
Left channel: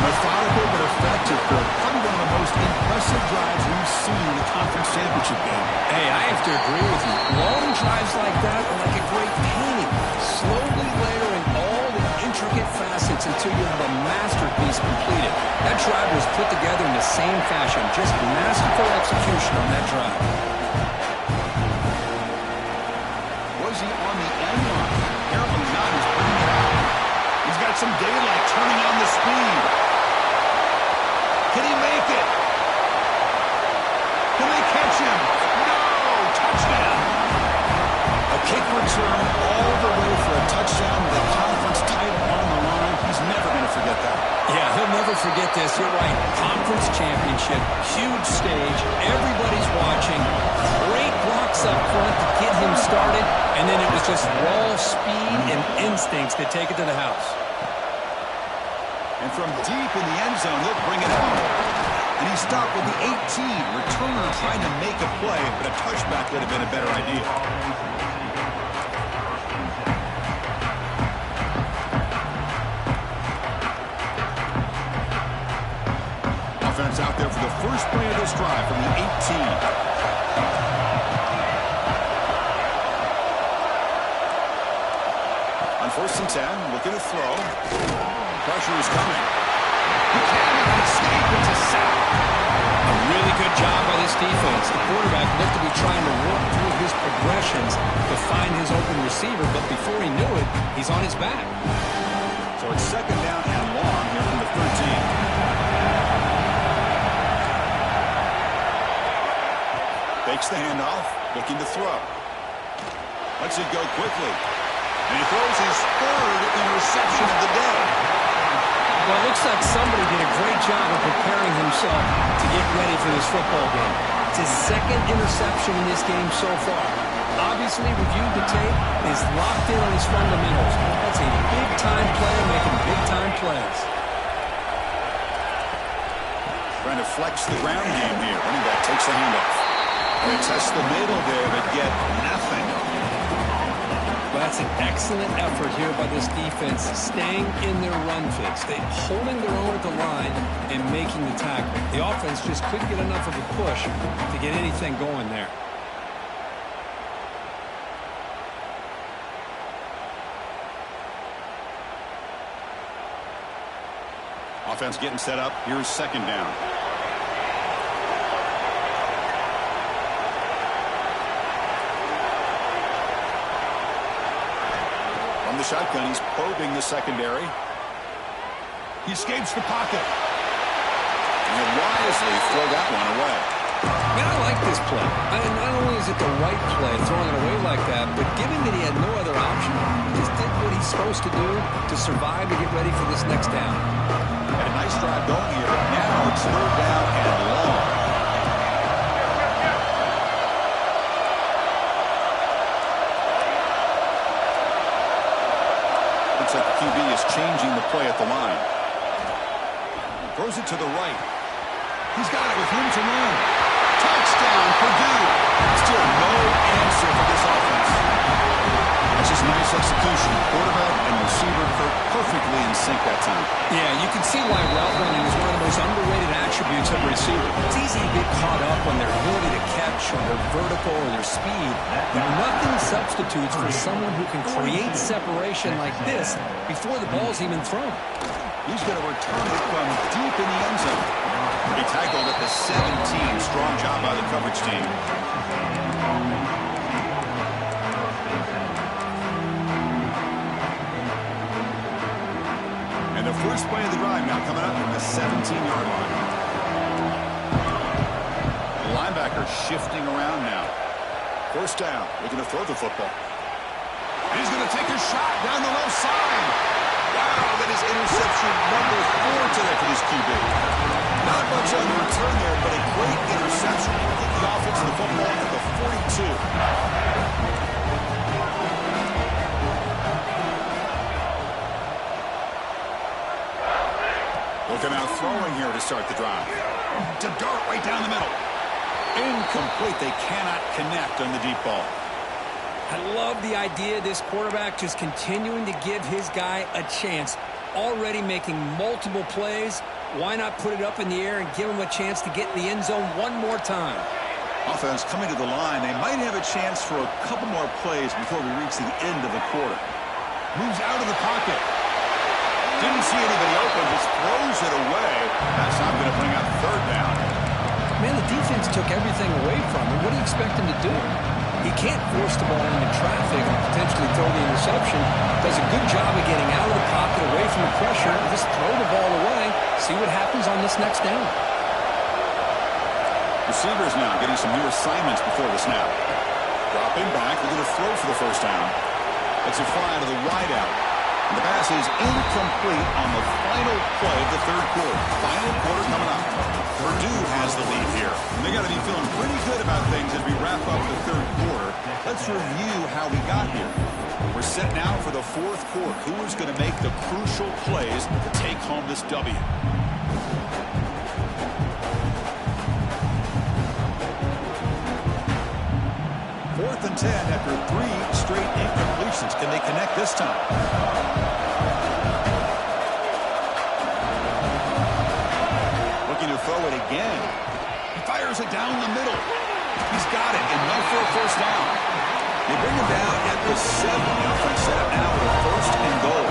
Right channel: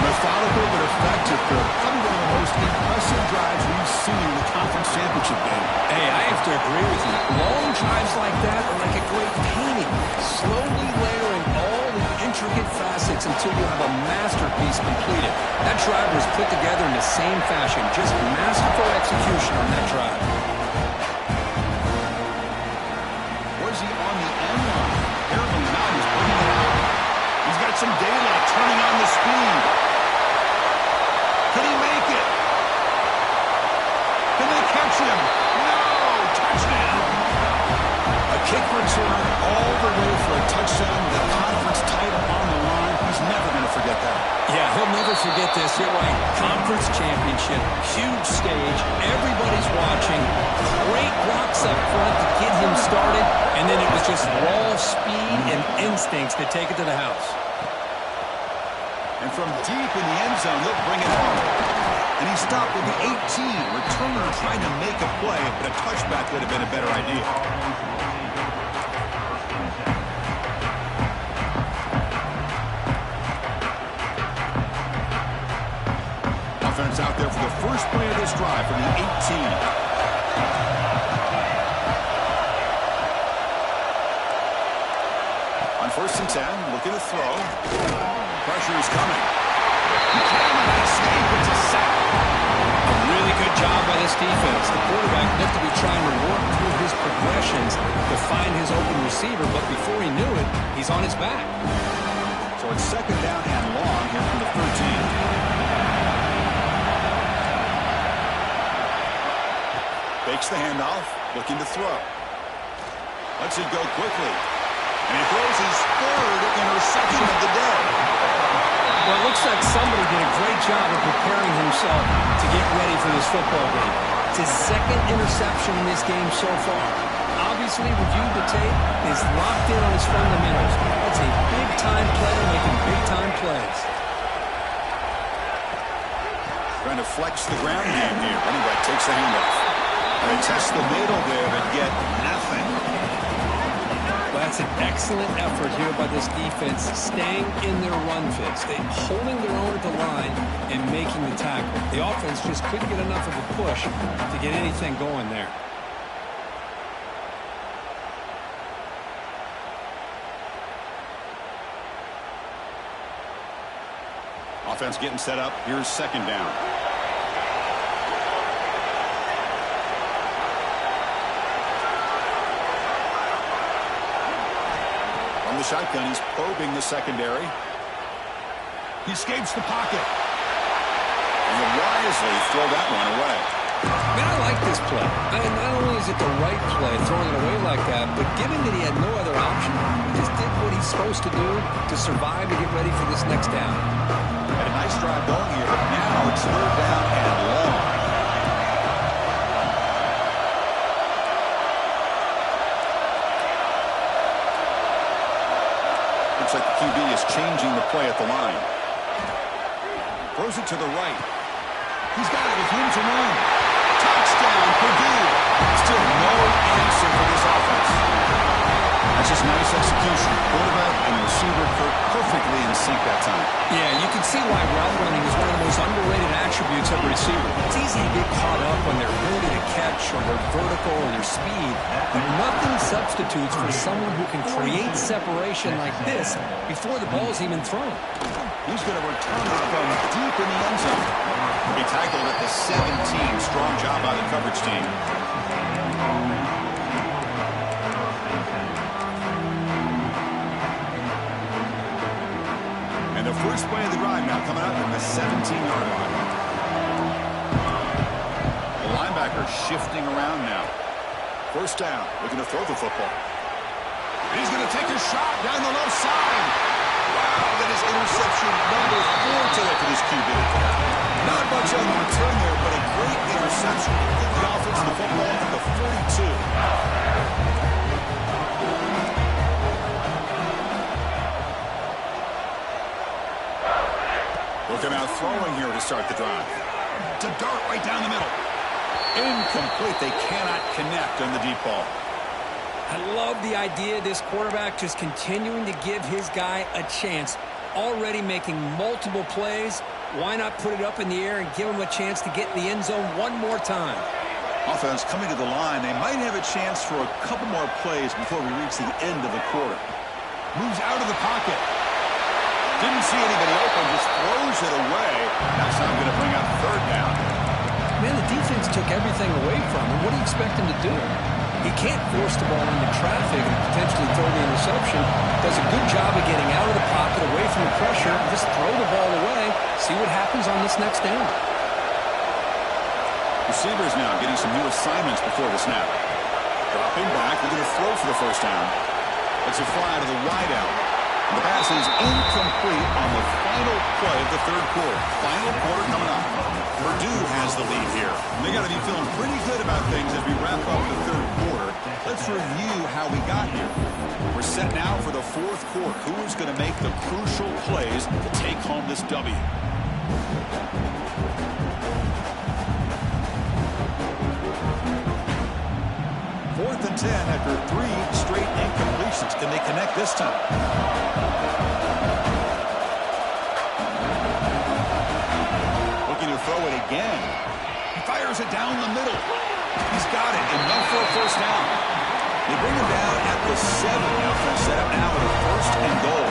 Methodical but effective, Kirk. Probably one of the most impressive drives we've seen in the conference championship game. Hey, I have to agree with you. Long drives like that are like a great painting. Slowly layering all the intricate facets until you have a masterpiece completed. That drive was put together in the same fashion. Just masterful execution on that drive. Was he on the end line? Apparently not. He's bringing it out. He's got some daylight turning on the speed. Can he make it? Can they catch him? No! Touchdown! A kick return all the way for a touchdown with a conference title on the line. He's never going to forget that. Yeah, he'll never forget this. You're right. Conference championship, huge stage. Everybody's watching. Great blocks up front to get him started. And then it was just raw speed and instincts to take it to the house. And from deep in the end zone, he'll bring it home. And he stopped with the 18. Returner trying to make a play, but a touchback would have been a better idea. Offense out there for the first play of this drive from the 18. On 1st and 10, looking to throw. Pressure is coming. He cannot escape. It's a sack. A really good job by this defense. The quarterback looked to be trying to work through his progressions to find his open receiver, but before he knew it, he's on his back. So it's 2nd down and long here from the 13. Fakes the handoff, looking to throw. Lets it go quickly. And he throws his 3rd interception of the day. Well, it looks like somebody did a great job of preparing himself to get ready for this football game. It's his 2nd interception in this game so far. Obviously, reviewed the tape, is locked in on his fundamentals. That's a big-time player making big-time plays. Trying to flex the ground game here. Running back takes the handoff. They test the middle there, but get nothing. Well, that's an excellent effort here by this defense, staying in their run fits. They holding their own at the line and making the tackle. The offense just couldn't get enough of a push to get anything going there. Offense getting set up. Here's 2nd down. From the shotgun, he's probing the secondary. He escapes the pocket. And he'll wisely throw that one away. Man, I like this play. Not only is it the right play, throwing it away like that, but given that he had no other option, he just did what he's supposed to do to survive to get ready for this next down. Had a nice drive going here, but now it's 3rd down and long. Looks like the QB is changing the play at the line. Throws it to the right. He's got it with room to run. Touchdown, Purdue. Still no answer for this offense. That's just nice execution. Quarterback and receiver perfectly in sync that time. Yeah, you can see why route running is one of the most underrated attributes of a receiver. It's easy to get caught up on their ability to catch or their vertical or their speed, but nothing substitutes for someone who can create separation like this before the ball's even thrown. He's going to return it from deep in the end zone. He tackled at the 17. Strong job by the coverage team. And the first play of the drive now coming up from the 17-yard line. The linebacker shifting around now. 1st down, looking to throw the football. He's going to take a shot down the left side. Wow, that is interception number 4 today for this QB. Not much on the return there, but a great interception to get the offense the football at the 42. Looking out throwing here to start the drive. To dart right down the middle. Incomplete. They cannot connect on the deep ball. I love the idea of this quarterback just continuing to give his guy a chance. Already making multiple plays. Why not put it up in the air and give him a chance to get in the end zone one more time? Offense coming to the line. They might have a chance for a couple more plays before we reach the end of the quarter. Moves out of the pocket. Didn't see anybody open. Just throws it away. That's not going to bring up 3rd down. Man, the defense took everything away from him. What do you expect him to do? He can't force the ball into traffic and potentially throw the interception. Does a good job of getting out of the pocket, away from the pressure, and just throw the ball away. See what happens on this next down. Receivers now getting some new assignments before the snap. Dropping back, looking to throw for the 1st down. It's a fly to the wideout. The pass is incomplete on the final play of the third quarter. Final quarter coming up. Purdue has the lead here. And they got to be feeling pretty good about things as we wrap up the third quarter. Let's review how we got here. We're set now for the fourth quarter. Who is going to make the crucial plays to take home this W? Fourth and 10 after 3 straight incompletions. Can they connect this time? Looking to throw it again. He fires it down the middle. He's got it, enough for a first down. They bring him down at the 7. The offense set up now with a first and goal.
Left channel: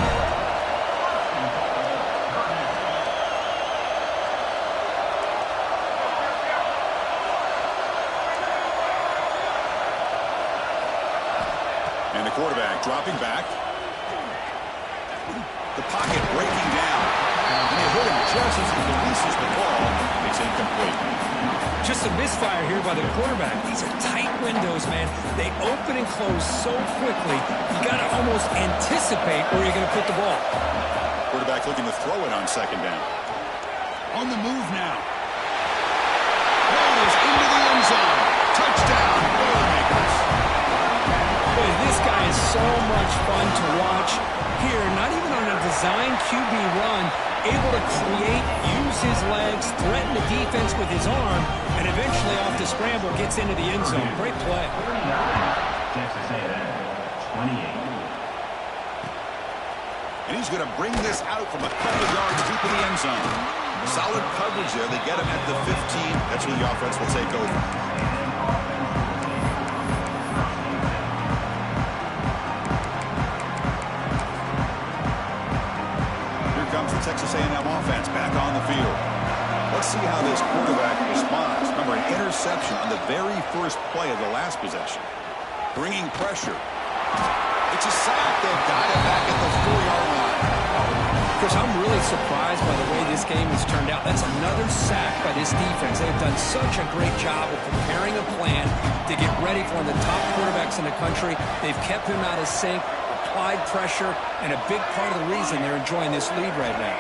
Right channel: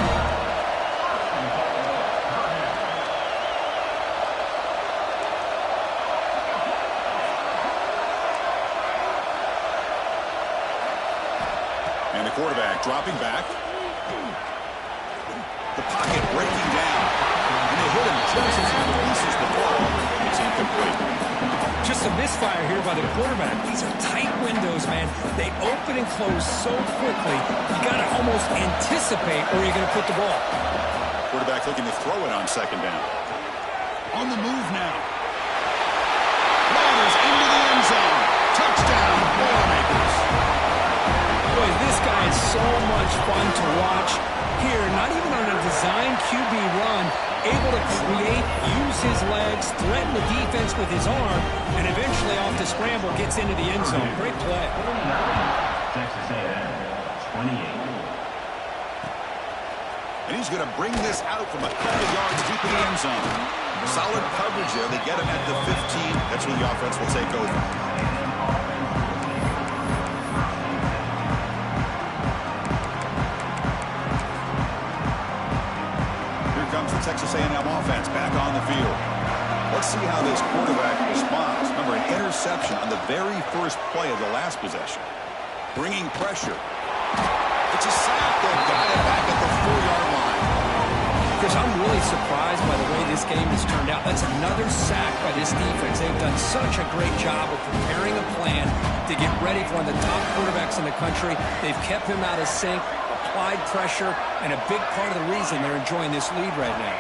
And the quarterback dropping back. The pocket breaking down. And they hit him just as he releases the ball. It's incomplete. Just a misfire here by the quarterback. These are tight windows, man. They open and close so quickly. You got to almost anticipate where you're going to put the ball. Quarterback looking to throw it on second down. On the move now. Rolls into the end zone. Touchdown, Boilermakers. Boy, this guy is so much fun to watch. Here, not even on a design QB run, able to create, use his legs, threaten the defense with his arm, and eventually off the scramble gets into the end zone. Great play. Texas A&M, 28. And he's going to bring this out from a couple of yards deep in the end zone. Solid coverage there. They get him at the 15. That's where the offense will take over. Texas A&M offense back on the field. Let's see how this quarterback responds. Remember, an interception on the very first play of the last possession. Bringing pressure. It's a sack. They've got it back at the 4-yard line. Chris, I'm really surprised by the way this game has turned out. That's another sack by this defense. They've done such a great job of preparing a plan to get ready for one of the top quarterbacks in the country. They've kept him out of sync, applied pressure, and a big part of the reason they're enjoying this lead right now.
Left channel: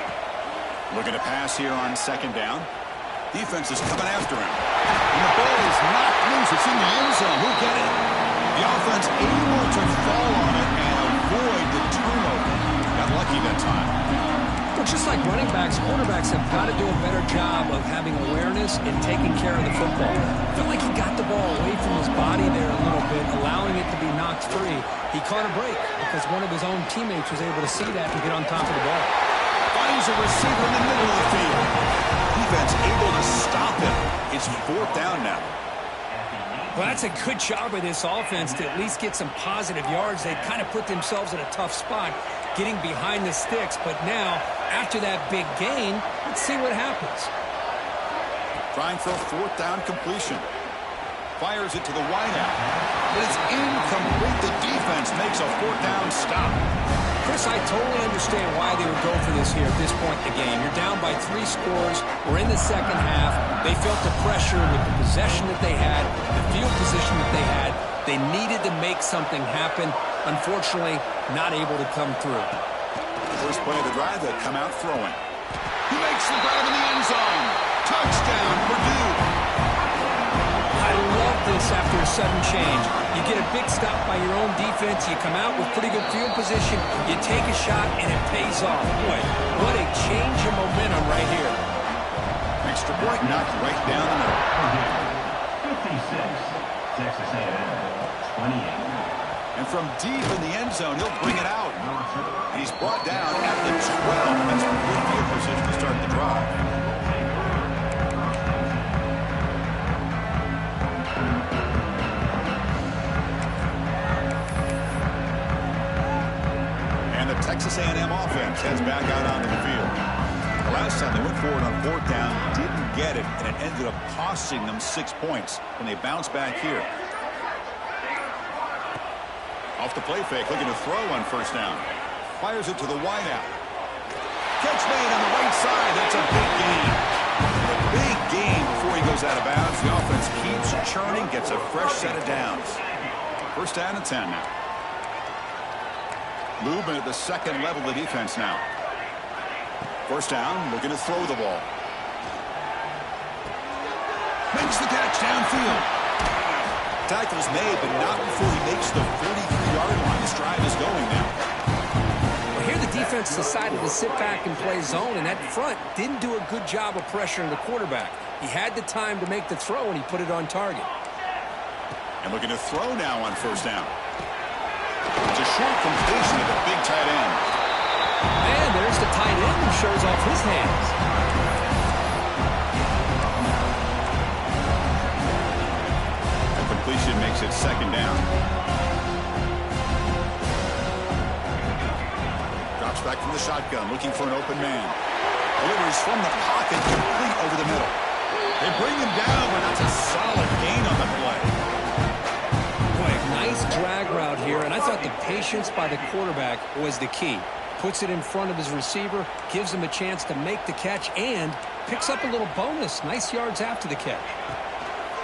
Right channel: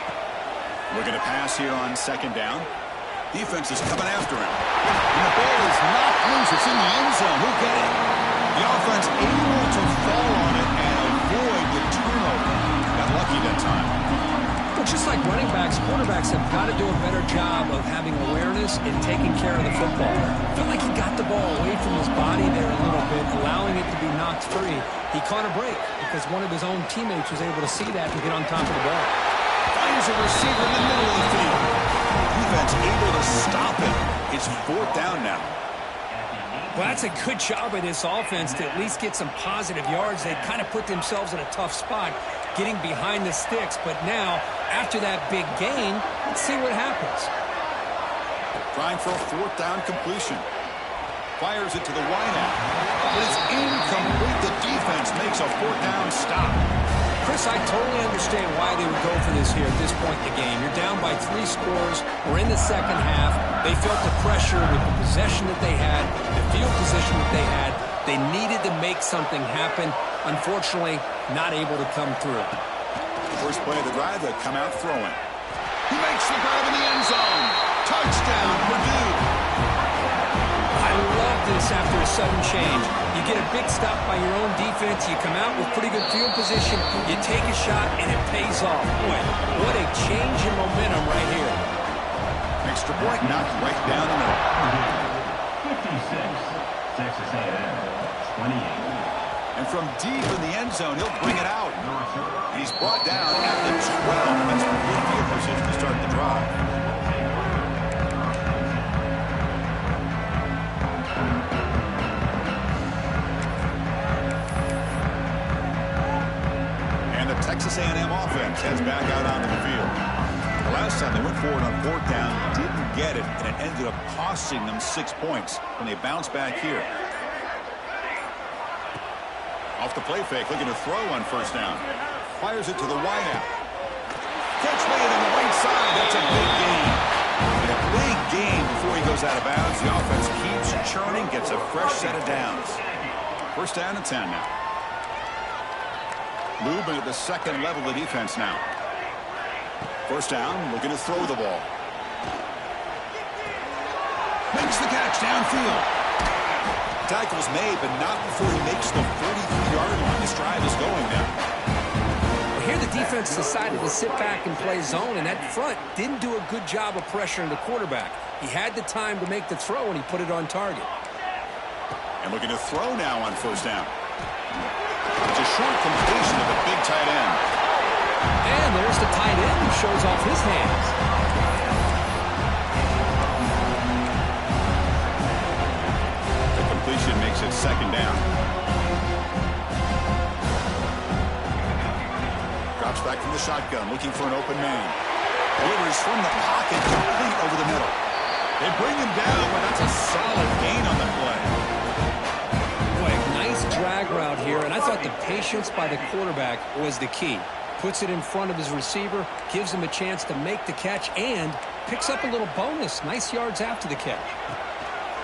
Looking to pass here on second down. Defense is coming after him. And the ball is knocked loose. It's in the end zone. Who'll get it? The offense able to fall on it and avoid the turnover. Got lucky that time. Well, just like running backs, quarterbacks have got to do a better job of having awareness and taking care of the football. I feel like he got the ball away from his body there a little bit, allowing it to be knocked free. He caught a break because one of his own teammates was able to see that and get on top of the ball. Finds a receiver in the middle of the field. Defense able to stop him. It's fourth down now. Well, that's a good job by this offense to at least get some positive yards. They kind of put themselves in a tough spot getting behind the sticks. But now, after that big gain, let's see what happens. Trying for a fourth down completion. Fires it to the wideout. But it's incomplete. The defense makes a fourth down stop. Chris, I totally understand why they would go for this here at this point in the game. You're down by 3 scores. We're in the second half. They felt the pressure with the possession that they had, the field position that they had. They needed to make something happen. Unfortunately, not able to come through. First play of the drive, they come out throwing. He makes the grab in the end zone. Touchdown, Purdue. I love this after a sudden change. You get a big stop by your own defense. You come out with pretty good field position. You take a shot, and it pays off. Boy, what a change in momentum right here. Extra point knocked right down the middle. 56, Texas A&M, 28. And from deep in the end zone, he'll bring it out. And he's brought down at the 12. That's a good field position to start the drive. Texas A&M offense heads back out onto the field. The last time they went forward on fourth down, didn't get it, and it ended up costing them 6 points when they bounced back here. Off the play fake, looking to throw on first down. Fires it to the wideout. Catch made on the right side. That's a big gain. And a big gain before he goes out of bounds. The offense keeps churning, gets a fresh set of downs. First down and 10 now. Movement at the second level of defense now. First down, looking to throw the ball. Makes the catch downfield. Tackle's made, but not before he makes the 43-yard line. This drive is going now. Well, here the defense decided to sit back and play zone, and that front didn't do a good job of pressuring the quarterback. He had the time to make the throw, and he put it on target. And looking to throw now on first down. It's a short completion to the big tight end. And there's the tight end who shows off his hands. The completion makes it second down. Drops back from the shotgun, looking for an open man. Delivers from the pocket, complete over the middle. They bring him down, but that's a solid gain on the play. Boy, nice drag route here, and I thought the patience by the quarterback was the key. Puts it in front of his receiver, gives him a chance to make the catch, and picks up a little bonus. Nice yards after the catch.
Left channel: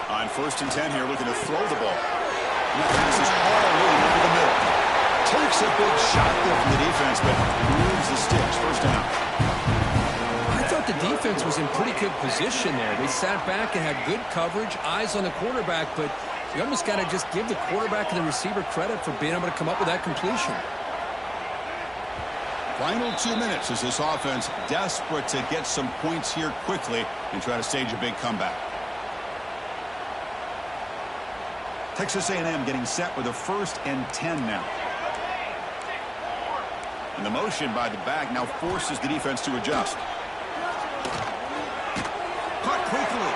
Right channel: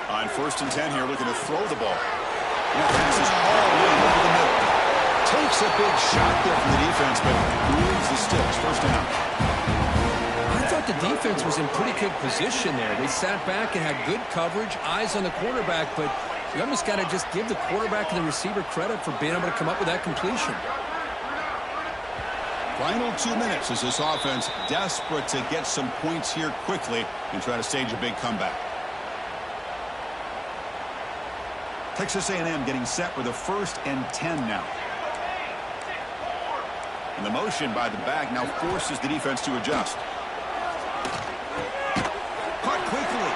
On 1st and 10 here, looking to throw the ball. And that pass is hauled in over the middle. Takes a big shot there from the defense, but moves the sticks. First down. I thought the defense was in pretty good position there. They sat back and had good coverage, eyes on the quarterback, but you almost got to just give the quarterback and the receiver credit for being able to come up with that completion. Final 2 minutes as this offense desperate to get some points here quickly and try to stage a big comeback. Texas A&M getting set with a 1st and 10 now. And the motion by the back now forces the defense to adjust. Caught quickly.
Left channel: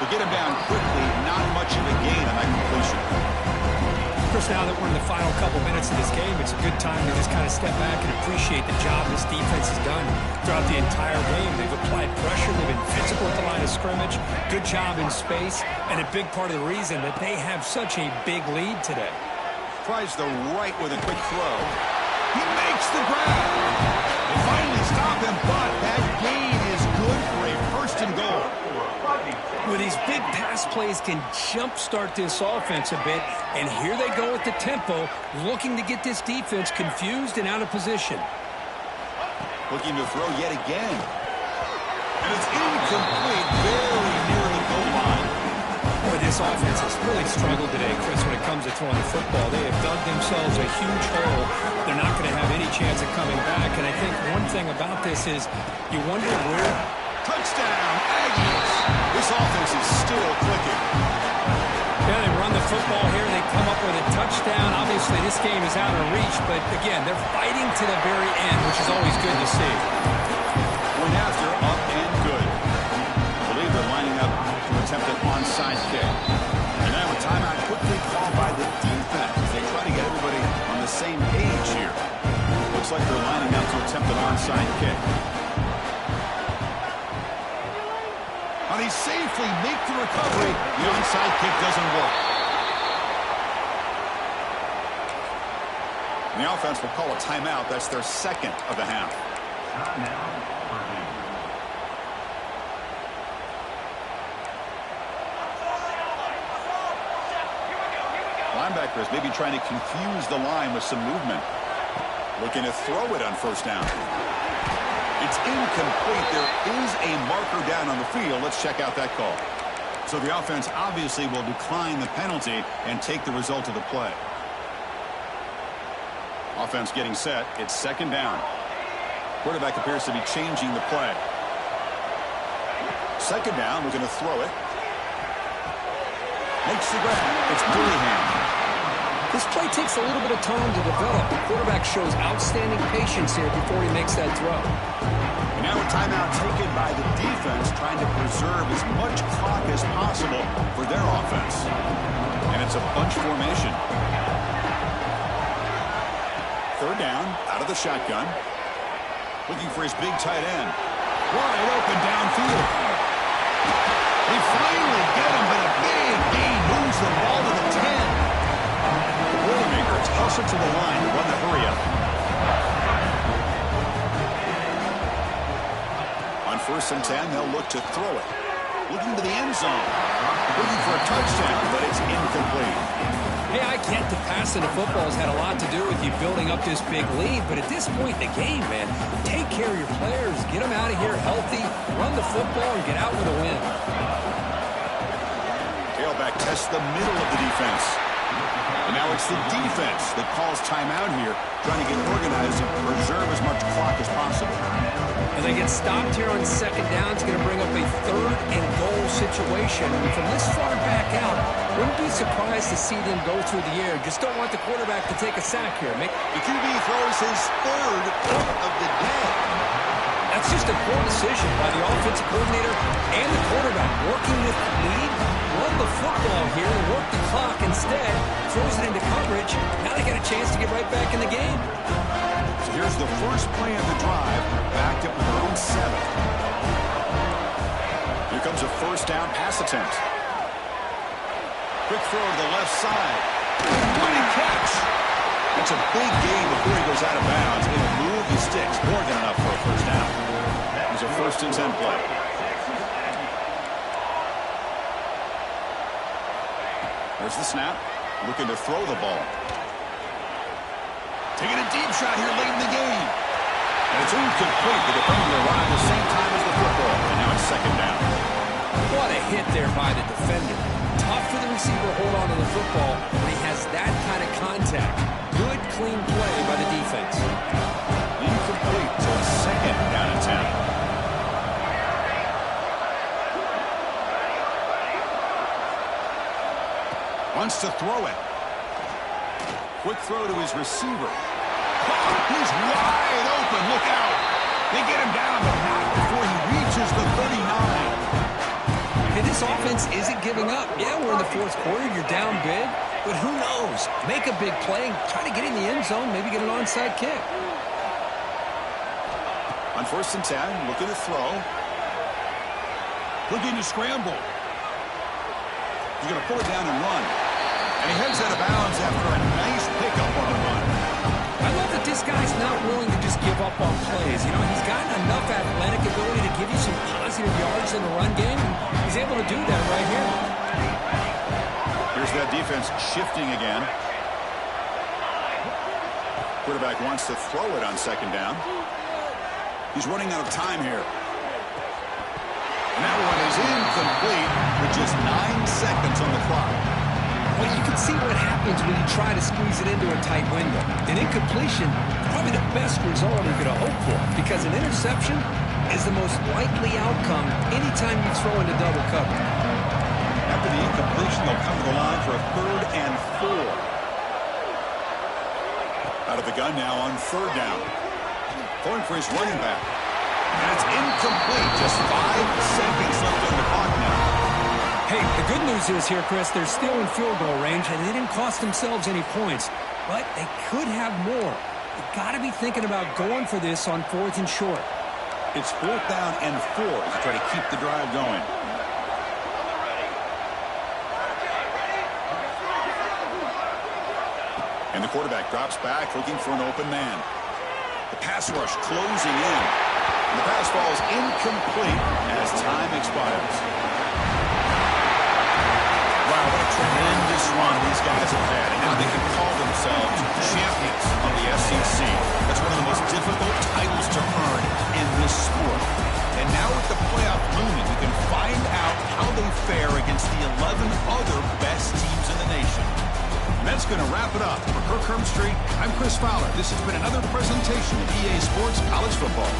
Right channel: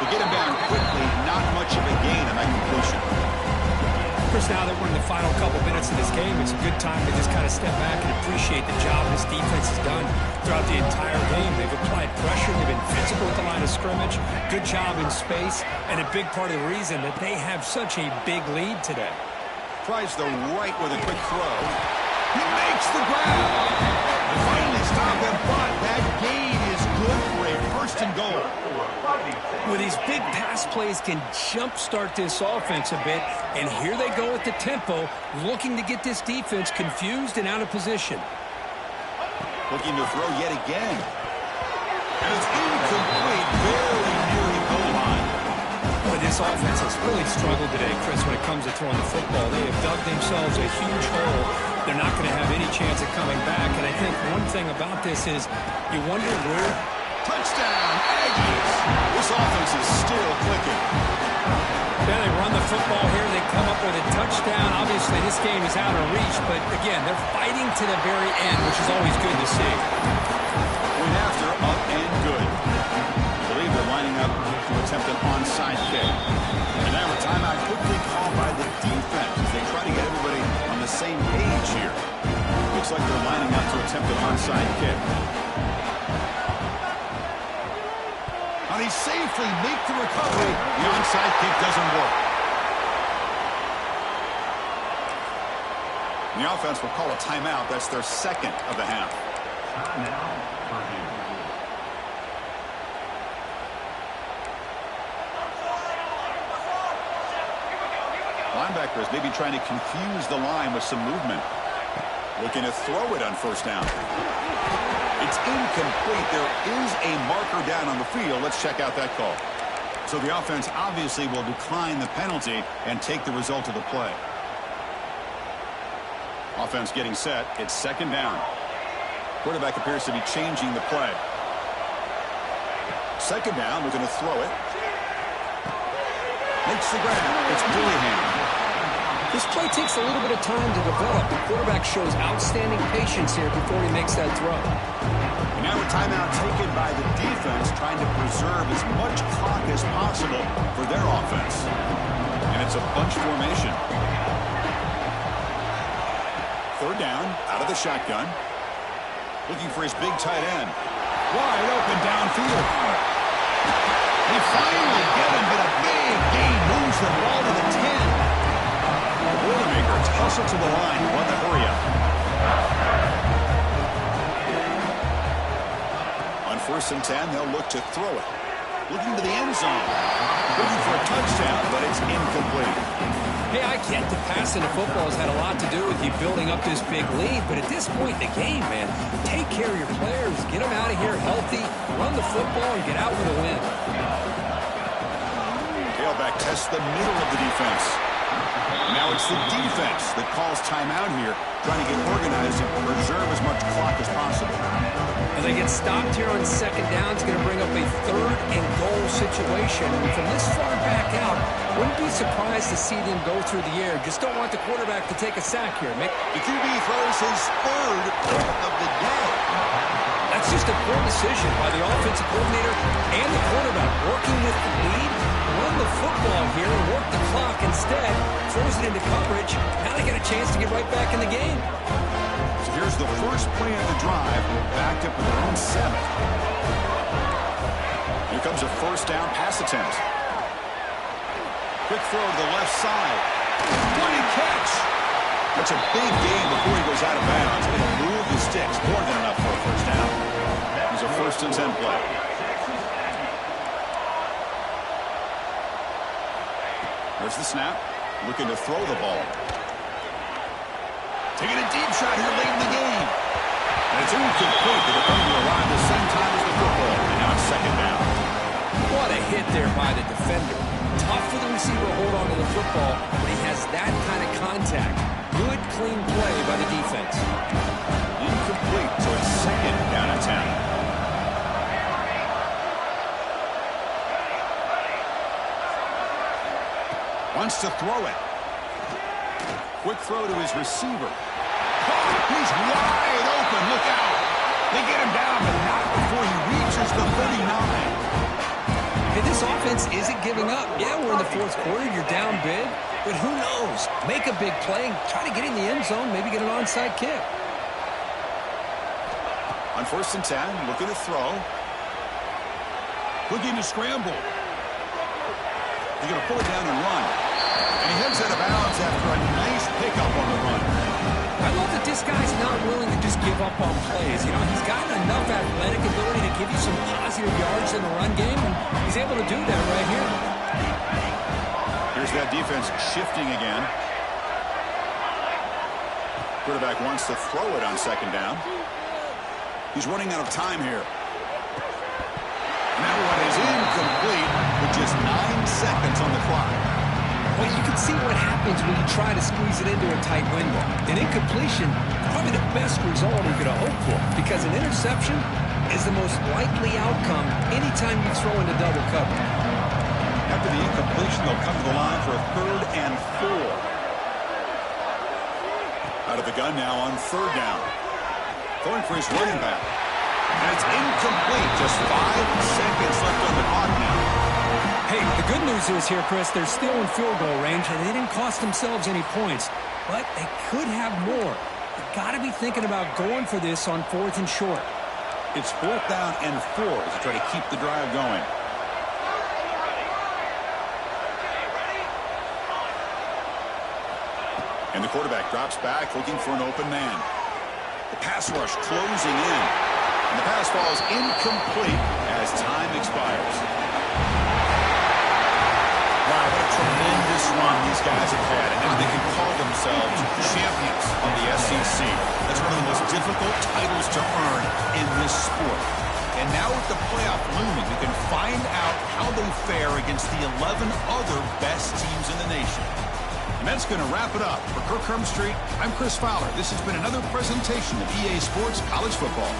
To get him down quickly, not much of a gain on that completion. Chris, now that we're in the final couple minutes of this game, it's a good time to just kind of step back and appreciate the job this defense has done throughout the entire game. They've applied pressure. They've been physical at the line of scrimmage. Good job in space, and a big part of the reason that they have such a big lead today. Tries the right with a quick throw. He makes the grab. They finally stop him, but that gain is good for a 1st and goal. With these big pass plays can jumpstart this offense a bit, and here they go at the tempo, looking to get this defense confused and out of position. Looking to throw yet again. And it's incomplete, very near the goal line. Boy, this offense has really struggled today, Chris, when it comes to throwing the football. They have dug themselves a huge hole. They're not going to have any chance of coming back, and I think one thing about this is you wonder where... Touchdown, Aggies. This offense is still clicking. Yeah, they run the football here. They come up with a touchdown. Obviously, this game is out of reach, but again, they're fighting to the very end, which is always good to see. Point after, up and good. I believe they're lining up to attempt an onside kick. And now a timeout quickly called by the defense as they try to get everybody on the same page here. Looks like they're lining up to attempt an onside kick. Now they safely make the recovery. The onside kick doesn't work. And the offense will call a timeout. That's their 2nd of the half. Timeout, Purdue. Linebackers maybe trying to confuse the line with some movement. Looking to throw it on 1st down. It's incomplete. There is a marker down on the field. Let's check out that call. So the offense obviously will decline the penalty and take the result of the play. Offense getting set. It's 2nd down. Quarterback appears to be changing the play. 2nd down. Looking to throw it. Makes the grab. It's Dillingham. This play takes a little bit of time to develop. The quarterback shows outstanding patience here before he makes that throw. And now a timeout taken by the defense, trying to preserve as much clock as possible for their offense. And it's a bunch formation. 3rd down, out of the shotgun. Looking for his big tight end. Wide open downfield. They finally get him, but a big gain moves the ball to the 10. The Boilermakers hustle to the line to run the hurry-up. On 1st and 10, they'll look to throw it. Looking to the end zone. Looking for a touchdown, but it's incomplete. Hey, I get that passing the football has had a lot to do with you building up this big lead, but at this point in the game, man, take care of your players, get them out of here healthy, run the football, and get out with a win. Tailback tests the middle of the defense. And now it's the defense that calls timeout here, trying to get organized and preserve as much clock as possible. And they get stopped here on second down. It's going to bring up a 3rd and goal situation. And from this far back out, wouldn't be surprised to see them go through the air. Just don't want the quarterback to take a sack here. The QB throws his 3rd of the day. That's just a poor decision by the offensive coordinator and the quarterback. Working with the lead, run the football here and work the clock instead. Throws it into coverage. Now they got a chance to get right back in the game. So here's the first play of the drive, backed up with their own 7th. Here comes a 1st down pass attempt. Quick throw to the left side. What a catch! That's a big gain before he goes out of bounds. It'll move the sticks. More than enough for a 1st down. It's a 1st and 10 play. There's the snap. Looking to throw the ball. Taking a deep shot here late in the game. And it's incomplete. The defender arrived the same time as the football. And now it's 2nd down. What a hit there by the defender. Tough for the receiver to hold on to the football when he has that kind of contact. Good, clean play by the defense. Incomplete, so it's 2nd down and 10. Wants to throw it. Quick throw to his receiver. He's wide open. Look out. They get him down, but not before he reaches the 39. Hey, this offense isn't giving up. Yeah, we're in the 4th quarter. You're down big. But who knows? Make a big play. Try to get in the end zone. Maybe get an onside kick. On 1st and 10, looking to throw. Looking to scramble. He's going to pull it down and run. And he heads out of bounds after a nice pickup on the run. I love that this guy's not willing to just give up on plays. You know, he's got enough athletic ability to give you some positive yards in the run game, and he's able to do that right here. Here's that defense shifting again. Quarterback wants to throw it on 2nd down. He's running out of time here. And that one is incomplete with just 9 seconds on the clock. Well, you can see what happens when you try to squeeze it into a tight window. An incompletion, probably the best result you could have hoped for, because an interception is the most likely outcome anytime you throw into double cover. After the incompletion, they'll come to the line for a 3rd and 4. Out of the gun now on 3rd down. Throwing for his running back. And it's incomplete. Just 5 seconds left on the clock now. Hey, the good news is here, Chris, they're still in field goal range, and they didn't cost themselves any points. But they could have more. They've got to be thinking about going for this on 4th and short. It's 4th down and 4 as they try to keep the drive going. And the quarterback drops back, looking for an open man. The pass rush closing in. And the pass falls incomplete as time expires. Wow, what a tremendous run these guys have had. And now they can call themselves champions of the SEC. That's one of the most difficult titles to earn in this sport. And now with the playoff looming, we can find out how they fare against the 11 other best teams in the nation. And that's going to wrap it up. For Kirk Hermstreet, I'm Chris Fowler. This has been another presentation of EA Sports College Football.